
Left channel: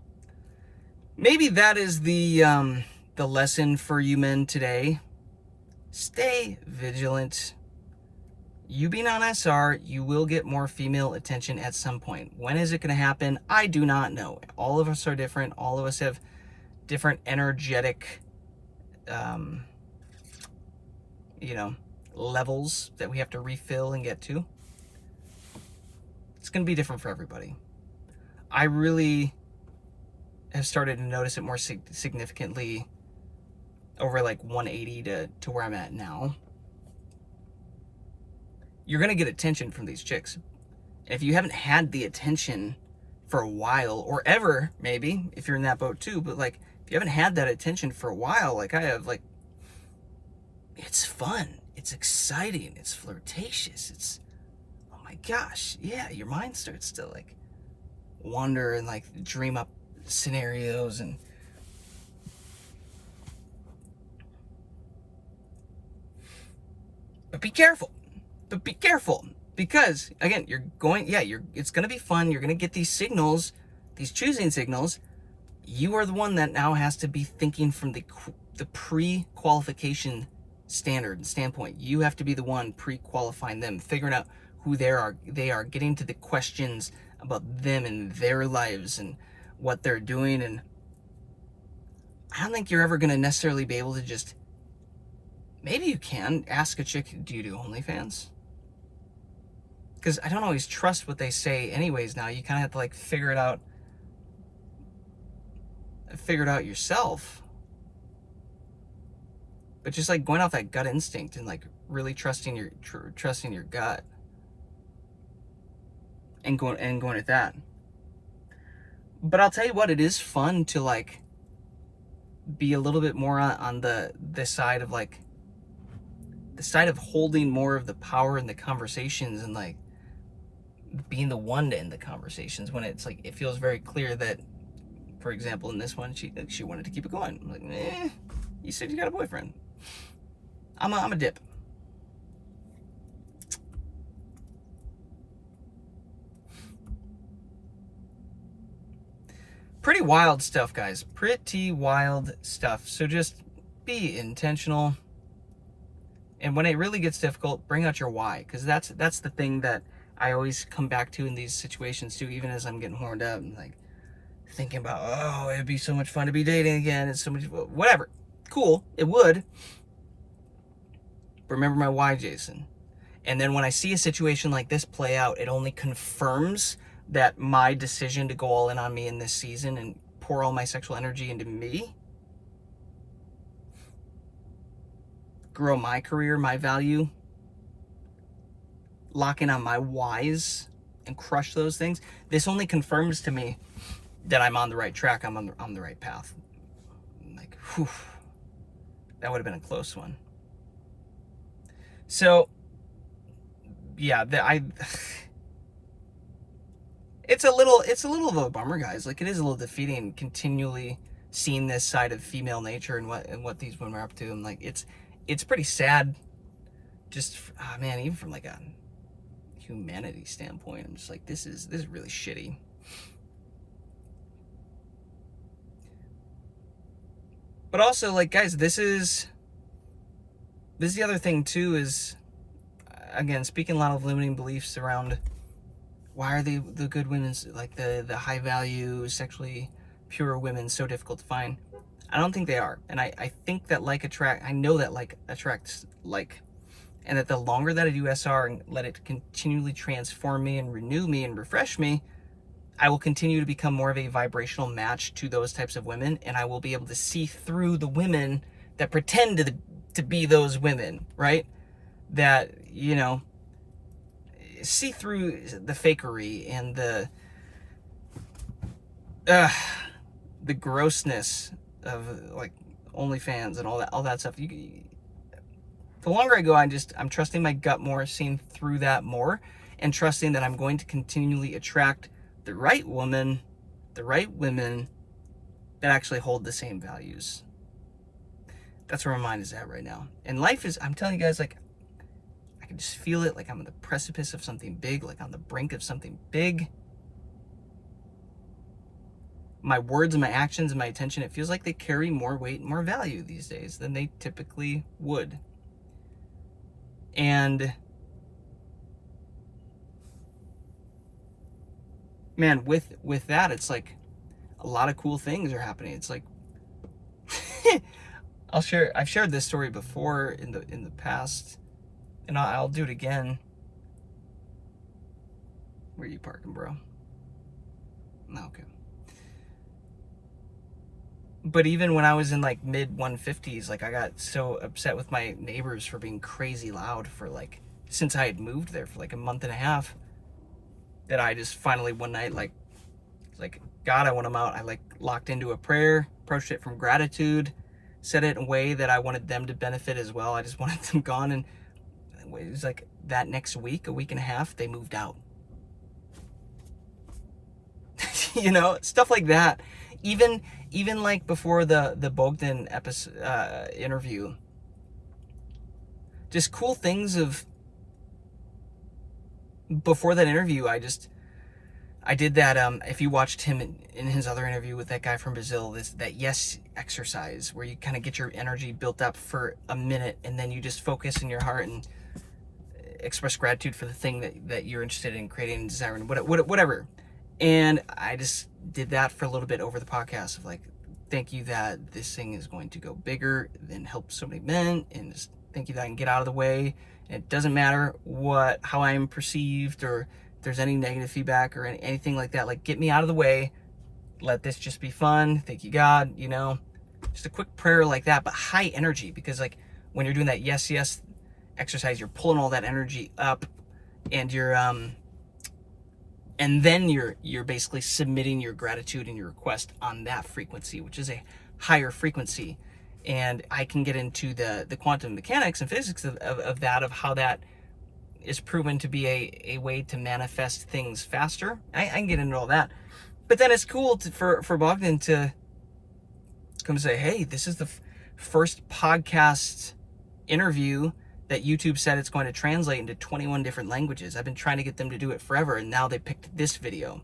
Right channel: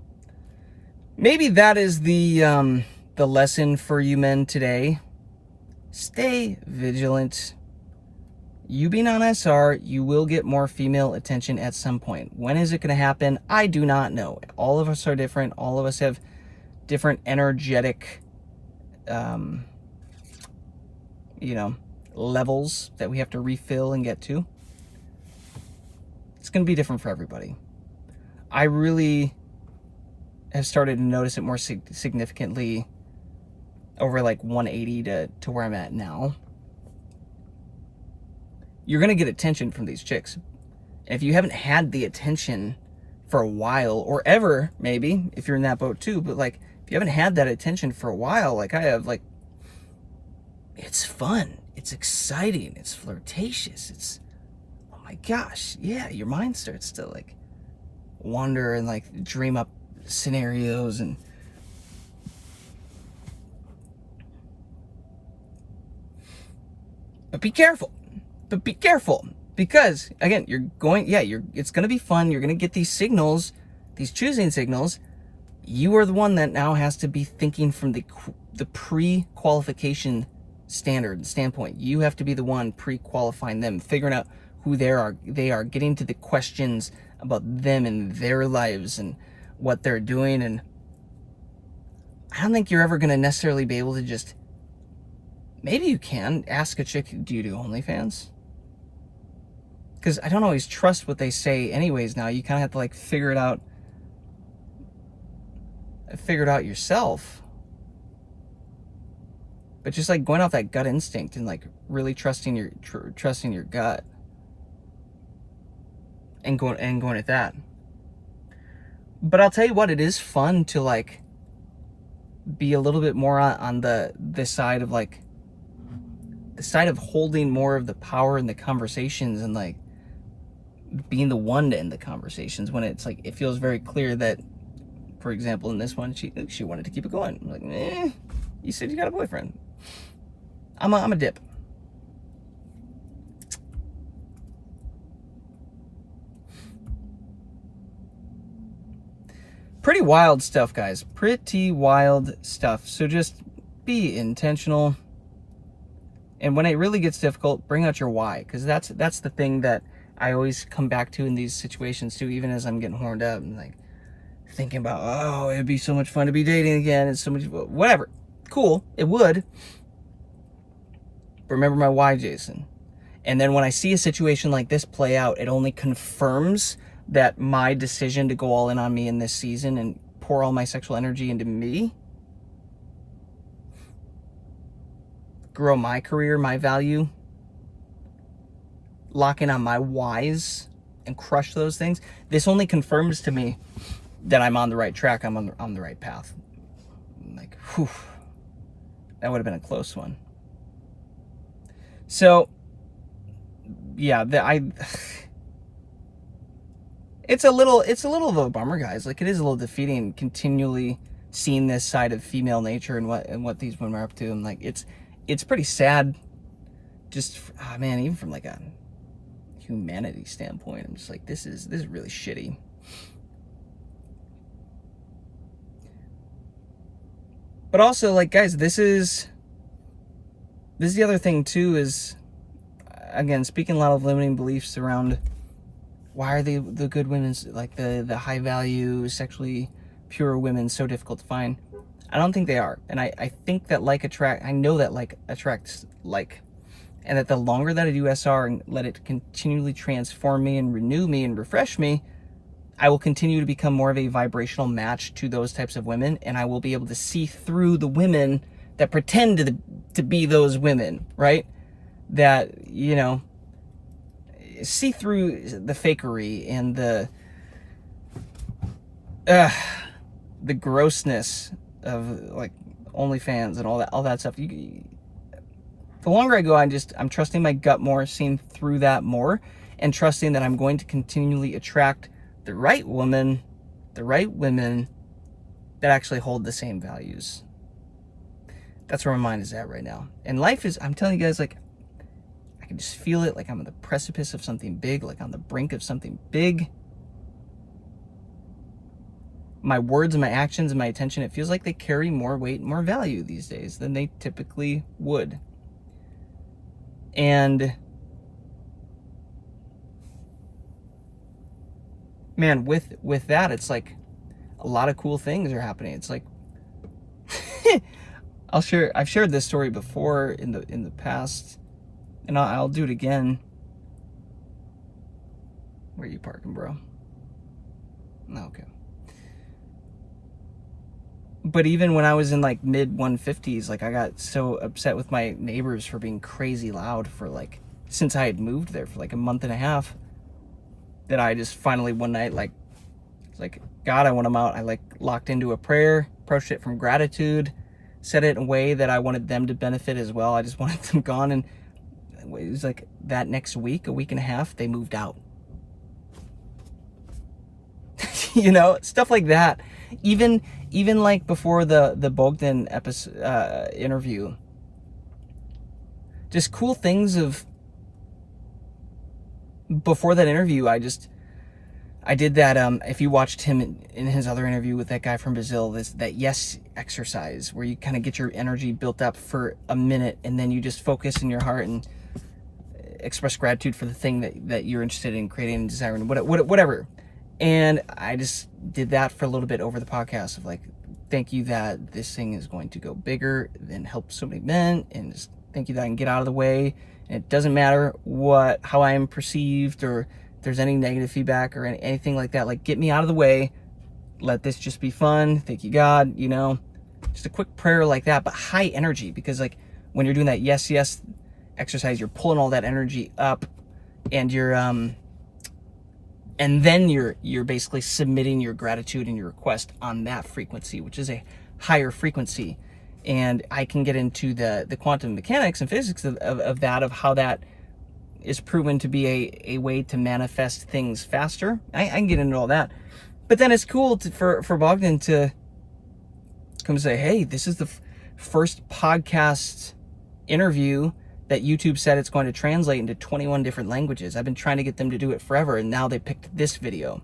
maybe that is the lesson for you men today. Stay vigilant. You being on SR, you will get more female attention at some point. When is it going to happen? I do not know. All of us are different. All of us have different energetic, levels that we have to refill and get to. It's going to be different for everybody. I really have started to notice it more significantly over like 180 to where I'm at now. You're going to get attention from these chicks. And if you haven't had the attention for a while, or ever, maybe, if you're in that boat too, but like, if you haven't had that attention for a while, like I have, like, it's fun. It's exciting. It's flirtatious. It's, oh my gosh. Yeah, your mind starts to like wander and like dream up scenarios and but be careful. Because again, it's going to be fun. You're going to get these signals, these choosing signals. You are the one that now has to be thinking from the pre-qualification standpoint. You have to be the one pre-qualifying them, figuring out who they are, getting to the questions about them and their lives and what they're doing. And I don't think you're ever going to necessarily be able to just, maybe you can ask a chick, do you do OnlyFans? Because I don't always trust what they say anyways now. You kind of have to like figure it out yourself. But just like going off that gut instinct and like really trusting your gut and going at that. But I'll tell you what, it is fun to like be a little bit more on the side of like the side of holding more of the power in the conversations and like being the one to end the conversations when it's like it feels very clear that, for example, in this one, she wanted to keep it going. I'm like, you said you got a boyfriend. I'm a dip. Pretty wild stuff, guys. Pretty wild stuff. So just be intentional. And when it really gets difficult, bring out your why, because that's the thing that I always come back to in these situations too, even as I'm getting horned up and like thinking about, oh, it'd be so much fun to be dating again. It's so much, whatever. Cool, it would. But remember my why, Jason. And then when I see a situation like this play out, it only confirms that my decision to go all in on me in this season and pour all my sexual energy into me, grow my career, my value, lock in on my whys and crush those things. This only confirms to me that I'm on the right track. I'm on the right path. Like, whew, that would have been a close one. So, yeah, it's a little of a bummer, guys. Like, it is a little defeating continually seeing this side of female nature and what these women are up to. And like, it's pretty sad. Just, oh man, even from like a humanity standpoint, I'm just like, this is really shitty. But also, like, guys, this is the other thing too, is, again, speaking a lot of limiting beliefs around why are the good women, like the high value, sexually pure women, so difficult to find. I don't think they are. And I think that I know that like attracts like, and that the longer that I do SR and let it continually transform me and renew me and refresh me, I will continue to become more of a vibrational match to those types of women, and I will be able to see through the women that pretend to be those women, right? That, you know, see through the fakery and the grossness of like OnlyFans and all that stuff. The longer I go, I'm trusting my gut more, seeing through that more, and trusting that I'm going to continually attract the right women that actually hold the same values. That's where my mind is at right now. And life is, I'm telling you guys, like, I can just feel it, like I'm on the precipice of something big, like on the brink of something big. My words and my actions and my attention, it feels like they carry more weight and more value these days than they typically would. And man, with that, it's like a lot of cool things are happening. It's like I've shared this story before in the past, and I'll do it again. Where are you parking, bro? Okay. But even when I was in like mid 150s, like I got so upset with my neighbors for being crazy loud for like, since I had moved there for like a month and a half, that I just finally one night, like God, I want them out. I like locked into a prayer, approached it from gratitude, said it in a way that I wanted them to benefit as well. I just wanted them gone. And it was like that next week, a week and a half, they moved out. You know, stuff like that. Even like before the Bogdan episode, interview, just cool things of before that interview. I did that. If you watched him in his other interview with that guy from Brazil, that yes exercise where you kind of get your energy built up for a minute and then you just focus in your heart and express gratitude for the thing that you're interested in creating and desiring, whatever. And I just did that for a little bit over the podcast of like, thank you that this thing is going to go bigger and help so many men, and just thank you that I can get out of the way. And it doesn't matter how I am perceived or if there's any negative feedback or anything like that. Like, get me out of the way. Let this just be fun. Thank you, God. You know, just a quick prayer like that, but high energy, because like when you're doing that yes exercise, you're pulling all that energy up, and you're and then you're basically submitting your gratitude and your request on that frequency, which is a higher frequency. And I can get into the quantum mechanics and physics of that, of how that is proven to be a way to manifest things faster. I can get into all that. But then it's cool for Bogdan to come say, hey, this is the first podcast interview that YouTube said it's going to translate into 21 different languages. I've been trying to get them to do it forever, and now they picked this video.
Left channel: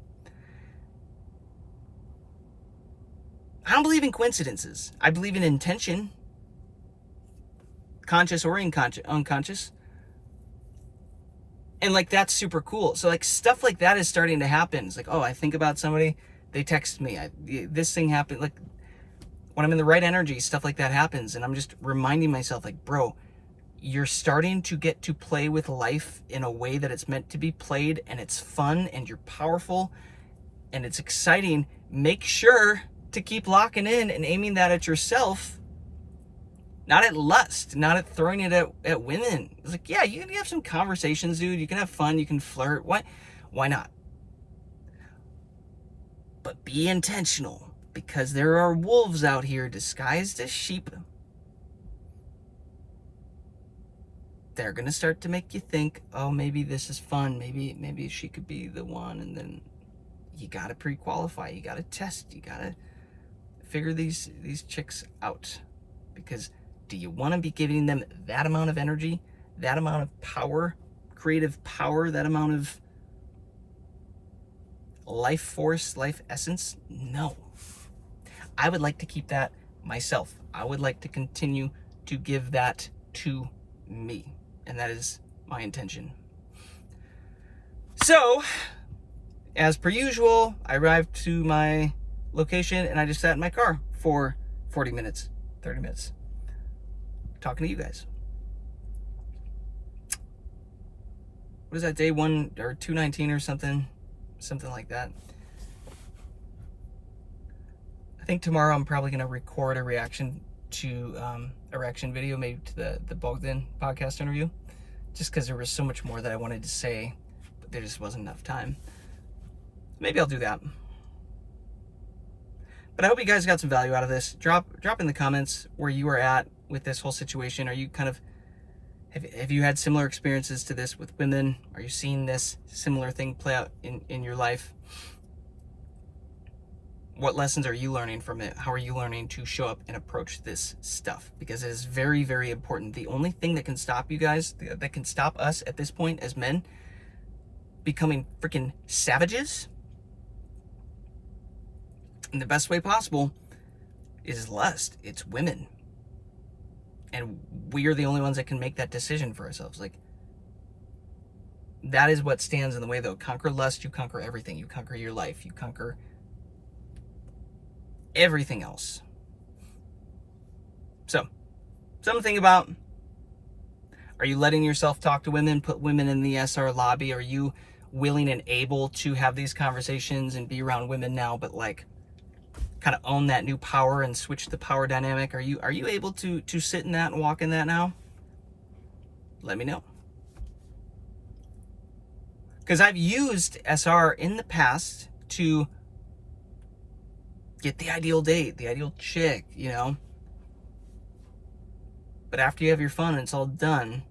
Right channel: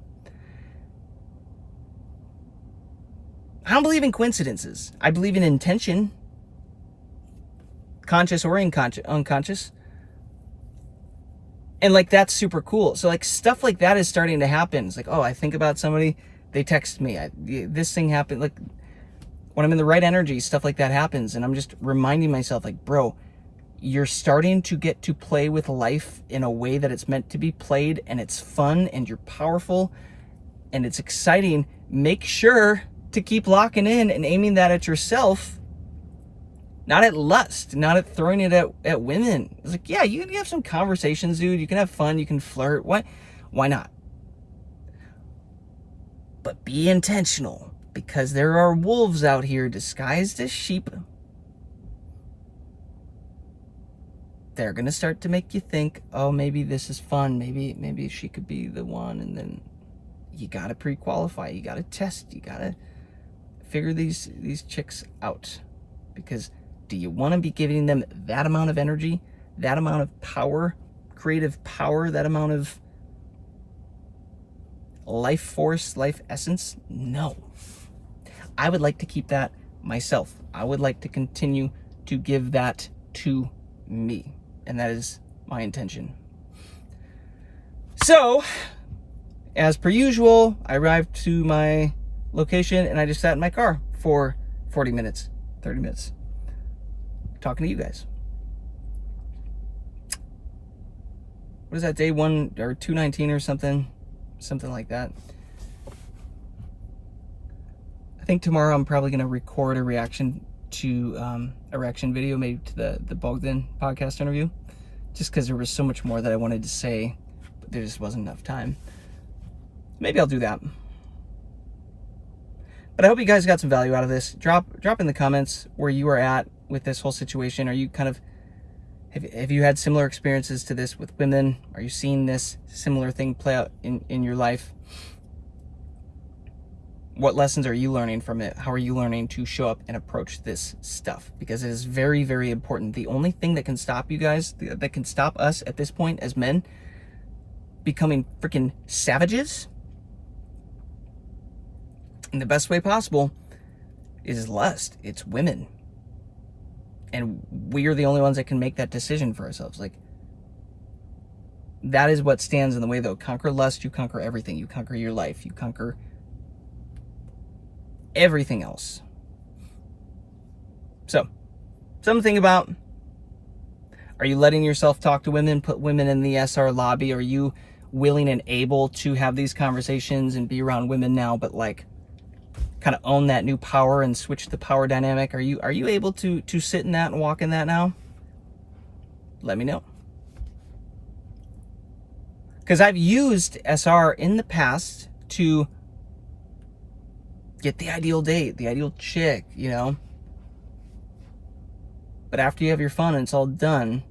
I don't believe in coincidences. I believe in intention, conscious or unconscious. And like, that's super cool. So like, stuff like that is starting to happen. It's like, oh, I think about somebody, they text me, this thing happened. Like, when I'm in the right energy, stuff like that happens. And I'm just reminding myself, like, bro, you're starting to get to play with life in a way that it's meant to be played, and it's fun, and you're powerful, and it's exciting. Make sure to keep locking in and aiming that at yourself, not at lust, not at throwing it at women. It's like, yeah, you can have some conversations, dude. You can have fun. You can flirt. Why not? But be intentional, because there are wolves out here disguised as sheep. They're going to start to make you think, oh, maybe this is fun. Maybe she could be the one. And then you got to pre-qualify. You got to test. You got to figure these chicks out. Because do you want to be giving them that amount of energy, that amount of power, creative power, that amount of life force, life essence? No. I would like to keep that myself. I would like to continue to give that to me. And that is my intention. So, as per usual, I arrived to my location and I just sat in my car for 40 minutes, 30 minutes, talking to you guys. What is that, day 1 or 219 or something like that? I think tomorrow I'm probably going to record a reaction to a reaction video, maybe to the Bogdan podcast interview, just because there was so much more that I wanted to say, but there just wasn't enough time. Maybe I'll do that. But I hope you guys got some value out of this. Drop in the comments where you are at with this whole situation. Are you kind of, have you had similar experiences to this with women? Are you seeing this similar thing play out in your life? What lessons are you learning from it? How are you learning to show up and approach this stuff? Because it is very, very important. The only thing that can stop you guys, that can stop us at this point as men becoming freaking savages in the best way possible, is lust. It's women. And we are the only ones that can make that decision for ourselves. Like, that is what stands in the way, though. Conquer lust, you conquer everything. You conquer your life. You conquer everything else. So, something to think about. Are you letting yourself talk to women, put women in the SR lobby? Are you willing and able to have these conversations and be around women now, but like kind of own that new power and switch the power dynamic? Are you able to sit in that and walk in that now? Let me know. Because I've used SR in the past to get the ideal date, the ideal chick, you know. But after you have your fun and it's all done,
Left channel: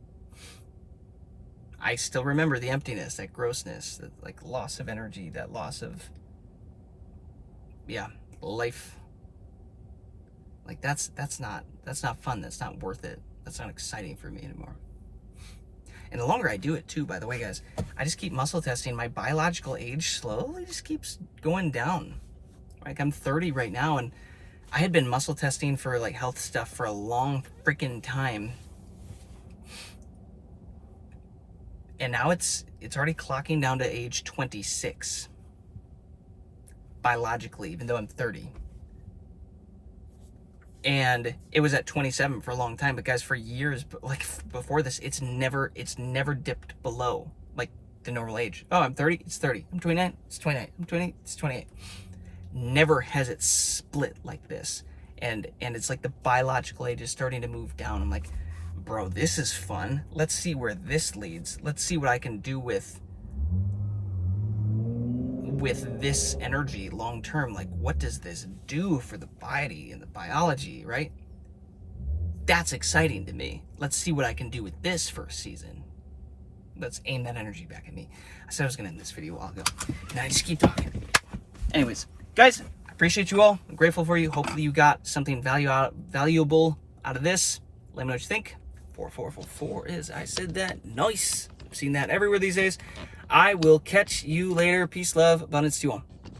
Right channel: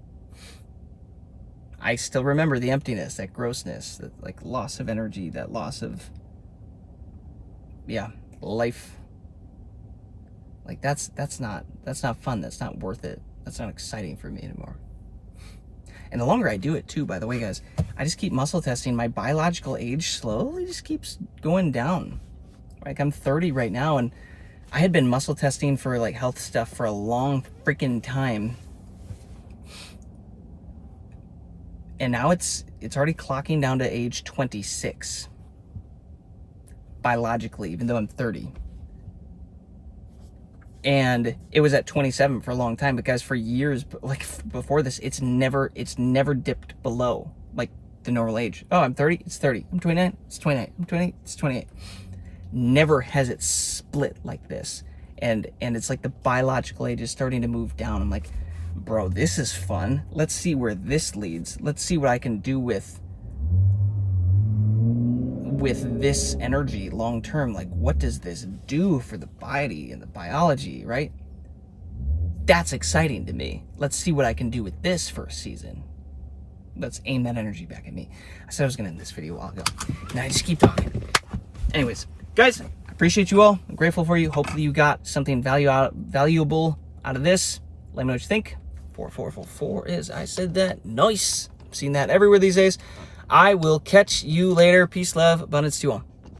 I still remember the emptiness, that grossness, that like loss of energy, that loss of, life. Like that's not fun. That's not worth it. That's not exciting for me anymore. And the longer I do it too, by the way, guys, I just keep muscle testing. My biological age slowly just keeps going down. Like, I'm 30 right now, and I had been muscle testing for like health stuff for a long freaking time. And now it's already clocking down to age 26. Biologically, even though I'm 30. And it was at 27 for a long time, but guys, for years, like before this, it's never dipped below like the normal age. Oh, I'm 30, it's 30. I'm 29, it's 29. I'm 28, it's 28. Never has it split like this. And it's like the biological age is starting to move down. I'm like, bro, this is fun. Let's see where this leads. Let's see what I can do with this energy long term. Like, what does this do for the body and the biology, right? That's exciting to me. Let's see what I can do with this for a season. Let's aim that energy back at me. I said I was gonna end this video a while ago. Now I just keep talking. Anyways, guys, I appreciate you all. I'm grateful for you. Hopefully you got something valuable out of this. Let me know what you think. 4444 is, I said that. Nice. I'm seeing that everywhere these days. I will catch you later. Peace, love, abundance to you all.